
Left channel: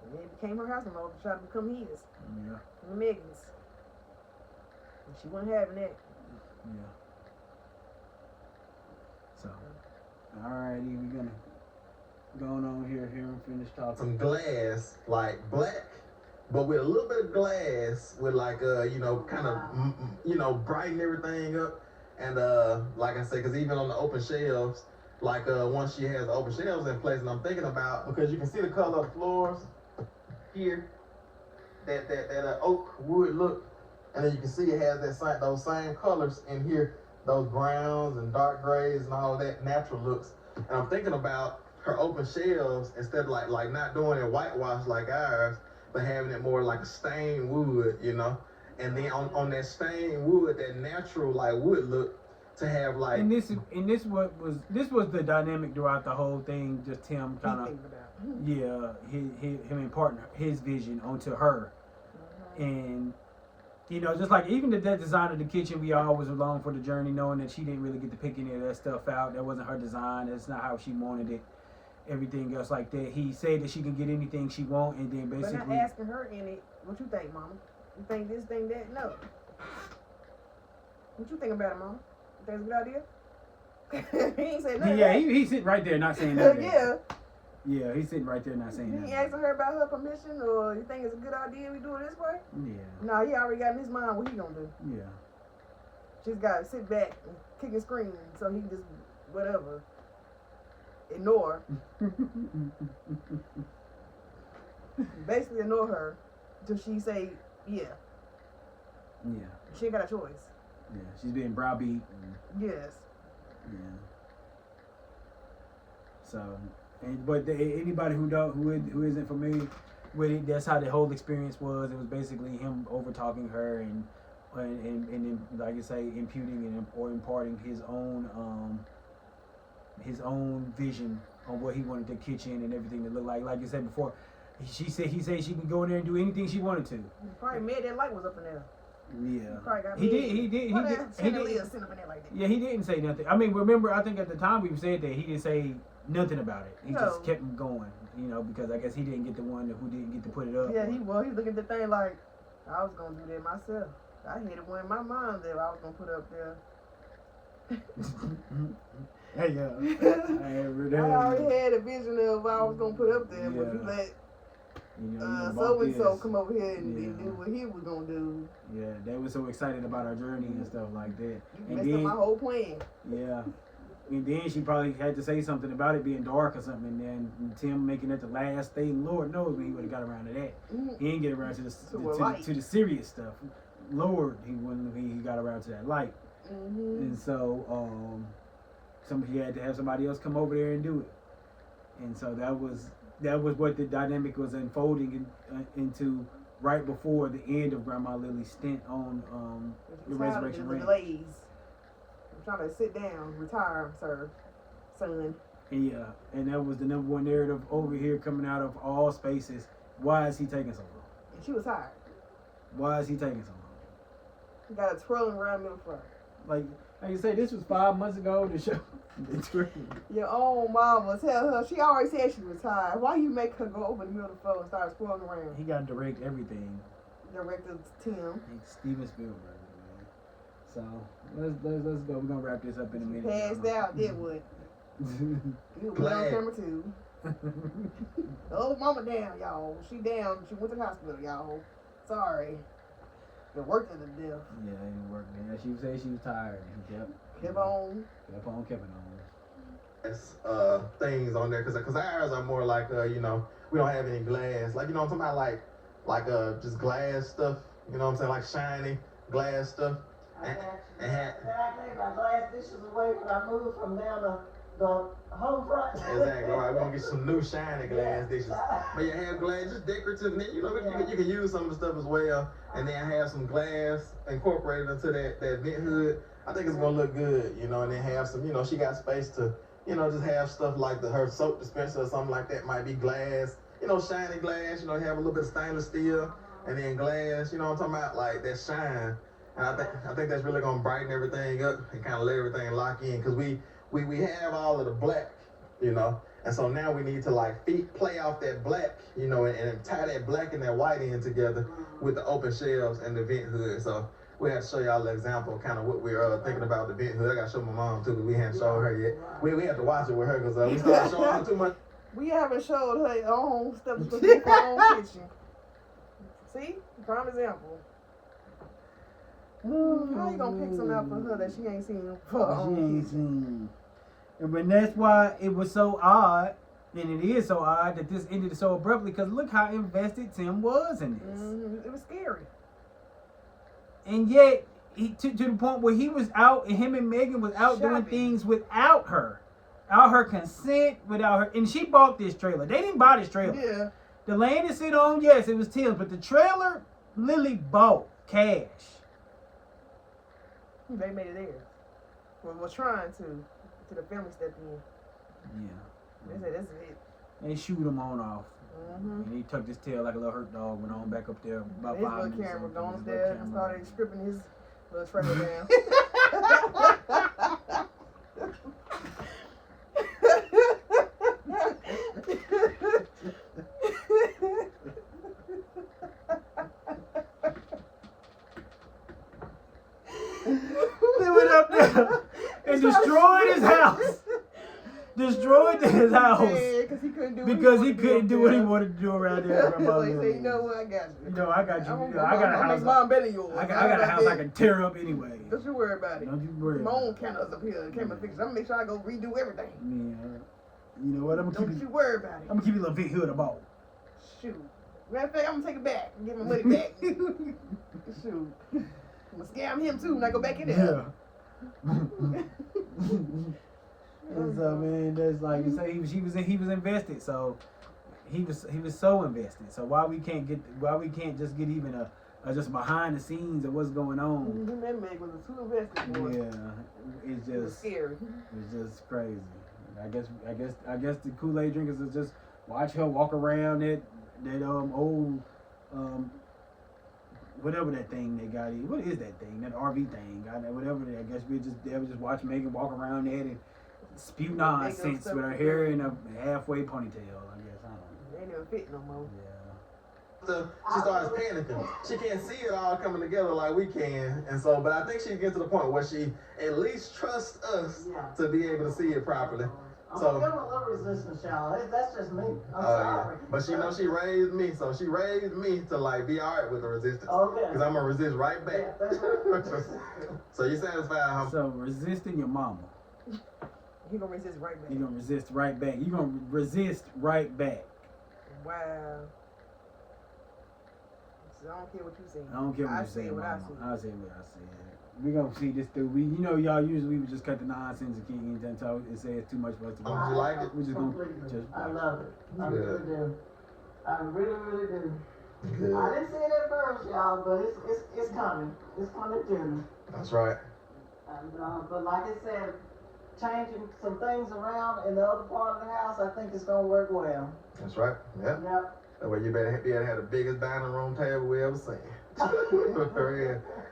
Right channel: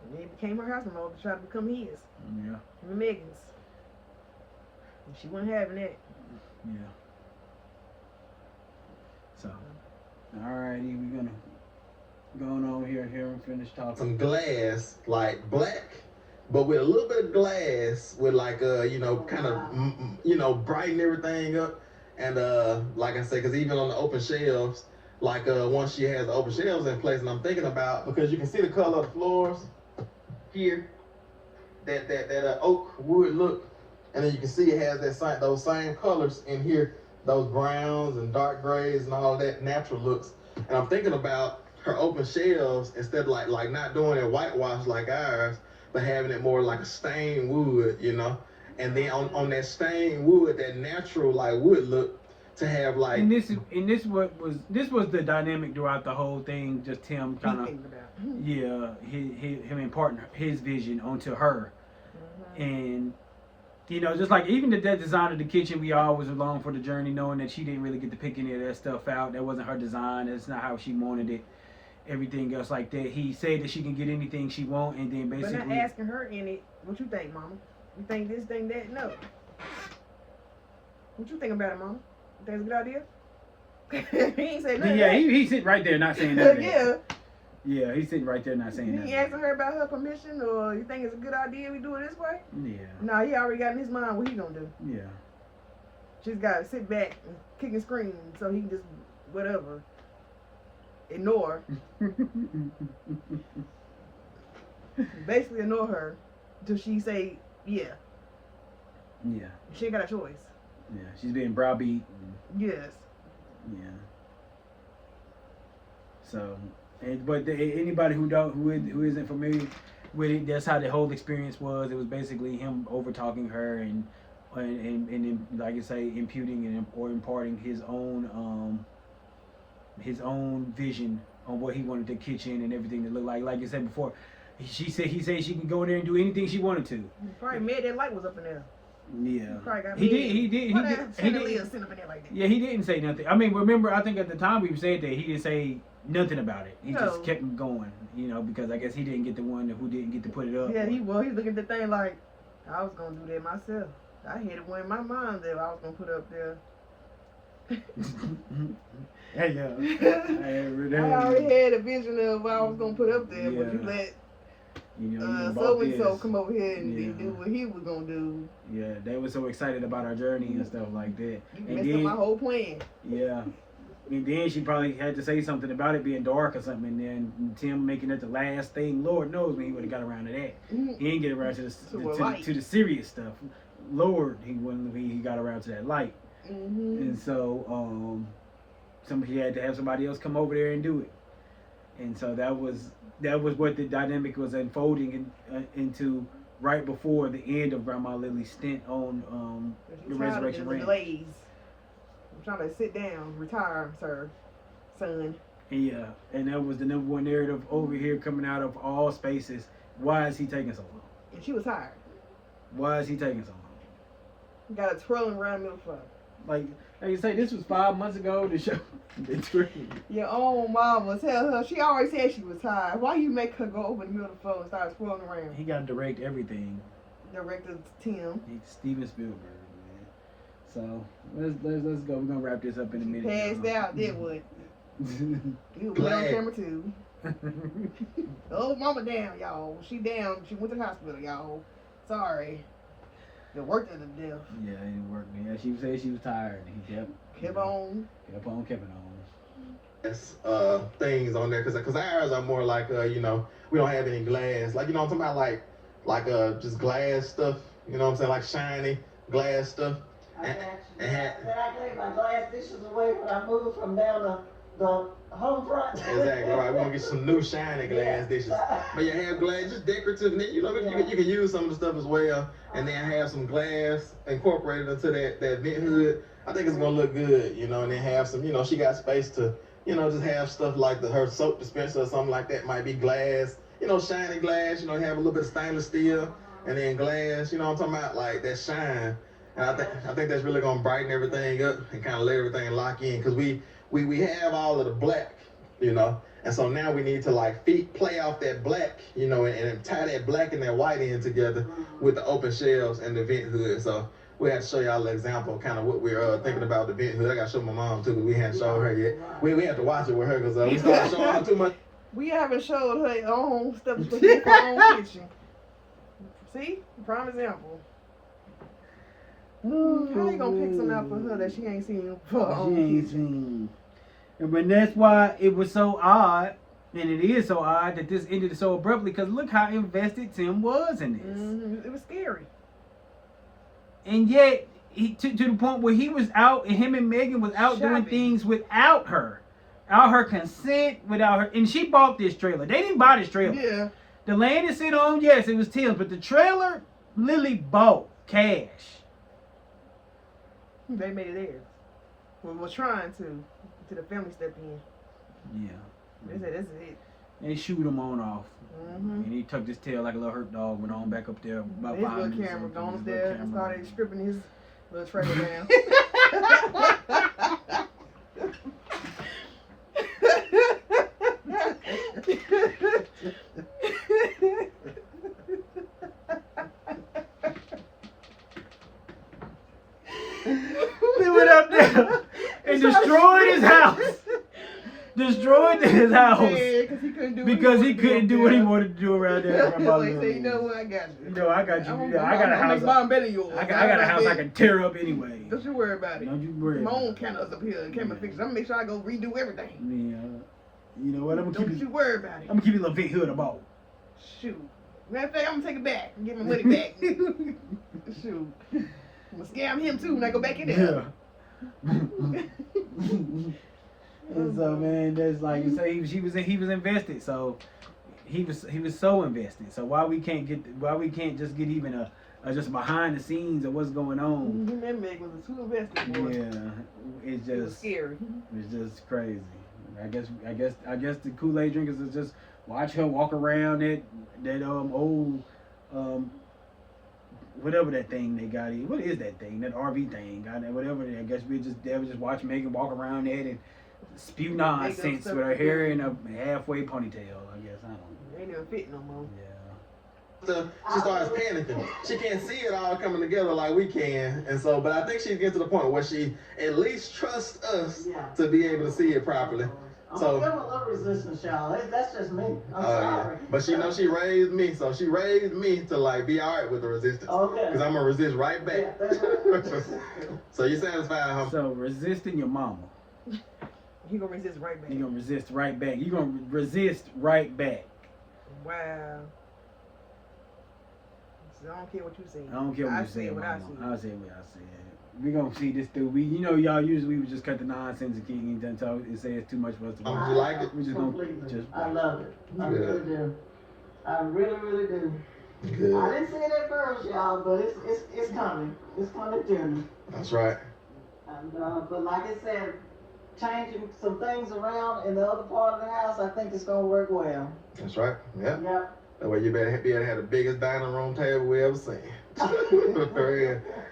And it became her house remote to try to become his. yeah, And Megan's. And she wasn't having that. yeah. So, alrighty, we're gonna going on here and finish talking. some glass, like black, but with a little bit of glass, with like kind of brighten everything up. And like I said, because even on the open shelves, like once she has the open shelves in place, and I'm thinking about, because you can see the color of the floors here, that oak wood look, and then you can see it has those same colors in here, those browns and dark grays and all that natural looks. And I'm thinking about her open shelves, instead of like not doing it whitewash like ours, but having it more like a stained wood, you know. And then on that stained wood, that natural like wood look, to have like. And this was the dynamic throughout the whole thing. Just him kind of, him imparting his vision onto her, and you know, just like even the design of the kitchen, we always along for the journey, knowing that she didn't really get to pick any of that stuff out. That wasn't her design. That's not how she wanted it. Everything else like that. He said that she can get anything she want, and then basically. But not asking her in it. What you think, Mama? You think this, think that? No. What you think about it, Mama? You think it's a good idea? He ain't say nothing. Yeah, he's sitting right there not saying nothing. Yeah. Yeah, he's sitting right there not saying You nothing. ain't asking her about her permission, or you think it's a good idea we do it this way? Yeah. No, he already got in his mind what he gonna do. Yeah. She's got to sit back and kick and scream, so he just whatever. Ignore. Basically ignore her till she say yeah. Yeah. She ain't got a choice. Yeah. She's being browbeat. Yes. Yeah. So, anybody who isn't familiar with it, that's how the whole experience was. It was basically him over talking her and like I say, imputing or imparting his own vision on what he wanted the kitchen and everything to look like. Like I said before, he said she can go in there and do anything she wanted to. He probably made that light was up in there. Yeah. He did. Sit up in there like that. Yeah, he didn't say nothing. I mean, remember, I think at the time we said that he didn't say nothing about it. He just kept him going, you know, because I guess he didn't get the one who didn't get to put it up. Yeah, he looking at the thing like, I was gonna do that myself. I had it one in my mind that I was gonna put up there. Hey, I already had a vision of what I was gonna put up there, but you let so and so come over here and do what he was gonna do. Yeah, they were so excited about our journey and stuff like that. You messed up my whole plan. Yeah. And then she probably had to say something about it being dark or something, and then Tim making it the last thing. Lord knows when he would have got around to that. He didn't get around to the serious stuff. Lord, he got around to that light. And so he had to have somebody else come over there and do it. And so that was what the dynamic was unfolding into right before the end of Grandma Lily's stint on the Resurrection Ranch. I'm trying to sit down, retire, sir, son. Yeah, and that was the number one narrative over here coming out of all spaces. Why is he taking so long? And she was tired. Why is he taking so long? Got a twirling around middle fuck. Like you say, this was 5 months ago. The show. Your own mama, tell her, she always said she was tired. Why you make her go over the middle of the floor and start twirling around? He got to direct everything. Director Tim. He's Steven Spielberg, man. So let's go. We're gonna wrap this up in a minute. Passed out, then what? You went on camera too. Oh, mama down, y'all. She down. She went to the hospital, y'all. Sorry. It worked in the death. Yeah, it didn't work. Yeah, she said she was tired. He kept on. Things on there because ours are more like we don't have any glass, like I'm talking about like just glass stuff, you know what I'm saying, like shiny glass stuff. I gave my glass dishes away when I moved from down the home front. Exactly right. We're gonna get some new shiny glass dishes. But you have glass, just decorative, and then you can use some of the stuff as well, and then have some glass incorporated into that vent hood. I think it's gonna look good, and then have some, she got space to, just have stuff like her soap dispenser or something like that might be glass, shiny glass, have a little bit of stainless steel, and then glass, I'm talking about, like that shine. And I think that's really gonna brighten everything up and kind of let everything lock in, because we have all of the black, and so now we need to play off that black, and tie that black and that white in together with the open shelves and the vent hood. So we have to show y'all an example of kind of what we're thinking about the vent hood. I gotta show my mom too, because we hadn't showed her yet. We have to watch it with her, because we started showing her too much. We haven't showed her own stuff to put in her own kitchen. See? Prime example. How you gonna pick something out for her that she ain't seen before? But that's why it was so odd, and it is so odd that this ended so abruptly, because look how invested Tim was in this. Mm-hmm. It was scary. And yet, to the point where he was out, and him and Megan was out doing things without her consent, without her. And she bought this trailer. They didn't buy this trailer. Yeah. The land it sit on, yes, it was Tim's, but the trailer, Lilly bought cash. They made it theirs. We were trying to the family stepped in. Yeah. They said, this is it. And he shoot him on off. Mm-hmm. And he tucked his tail like a little hurt dog, went on back up there about his 5 little minutes. Camera gone upstairs and started stripping his little trailer down. He went up there and destroyed his house. Destroyed his house. Yeah, because he couldn't do what he wanted to do around there. Like, say, you know what, I got you. I got you. I got a house. I got a house I can tear up anyway. Don't you worry about it. Don't you worry. My own cameras up here, camera fixers. I'm gonna make sure I go redo everything. Yeah. You know what? Don't you worry about it. I'm gonna keep you a little big hood about. Shoot. Matter of fact, I'm gonna take it back and get my money back. Shoot. I'm gonna scam him too when I go back in there. Yeah. And so, man, that's like you say, he was invested. So he was so invested. So why we can't just get even a just behind the scenes of what's going on? That man was too invested. Boy. Yeah, it's just it was scary. It's just crazy. I guess the Kool-Aid drinkers is just watch her walk around that old whatever that thing they got in. What is that thing? That RV thing? Whatever. I guess they would just watch Megan walk around it and spew nonsense with her hair in a halfway ponytail. I guess I don't know. They never fit no more. Yeah. She starts panicking. She can't see it all coming together like we can, and so. But I think she's getting to the point where she at least trusts us to be able to see it properly. So I'm a little resistance, y'all. That's just me. I'm sorry. Yeah. But she knows she raised me, so she raised me to be all right with the resistance. Okay. Because I'm gonna resist right back. Yeah, that's right. So you satisfied, huh? So resisting your mama. You gonna resist right back. You gonna resist right back. You gonna resist right back. Wow. So I don't care what you say. I don't care what you say. What I I say what I said. We gonna see this through. You know, y'all usually we just cut the nonsense and kick and talk and say it's too much for us to watch. You like it? We just gonna Completely. just I watch. love it. I really do. I really, really do. Good. I didn't see it at first, y'all, but it's coming. It's coming to me. That's right. And but like I said, changing some things around in the other part of the house, I think it's gonna work well. That's right. Yeah. Yep. That way you better be able to have the biggest dining room table we ever seen.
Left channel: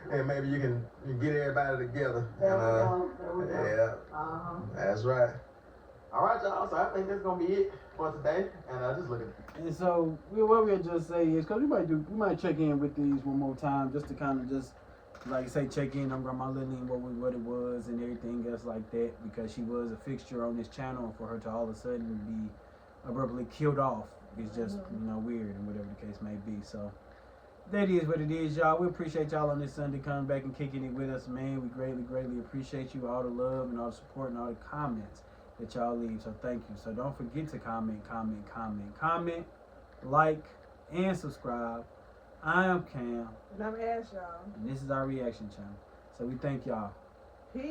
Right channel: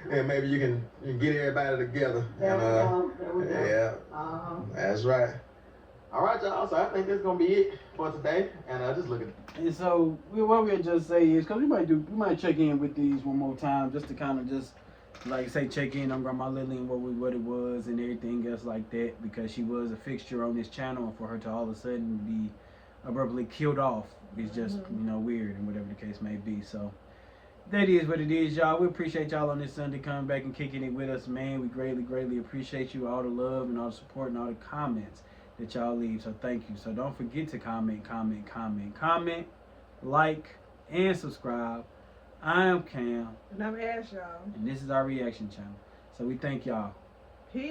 and maybe you can get everybody together. There And, we go. There we go. yeah, Uh-huh. that's right. All right, y'all. So I think that's gonna be it for today. And just look at And so what we'll just say is, cause we might check in with these one more time just to kind of just like I say check in on Grandma Lilly and what it was and everything else like that, because she was a fixture on this channel, and for her to all of a sudden be abruptly killed off is just weird, and whatever the case may be. So that is what it is, y'all. We appreciate y'all on this Sunday coming back and kicking it with us, man. We greatly appreciate you, all the love and all the support and all the comments that y'all leave. So thank you. So don't forget to comment, like, and subscribe. I am Cam, And I'm Ash, y'all. and this is our reaction channel. So we thank y'all. Peace.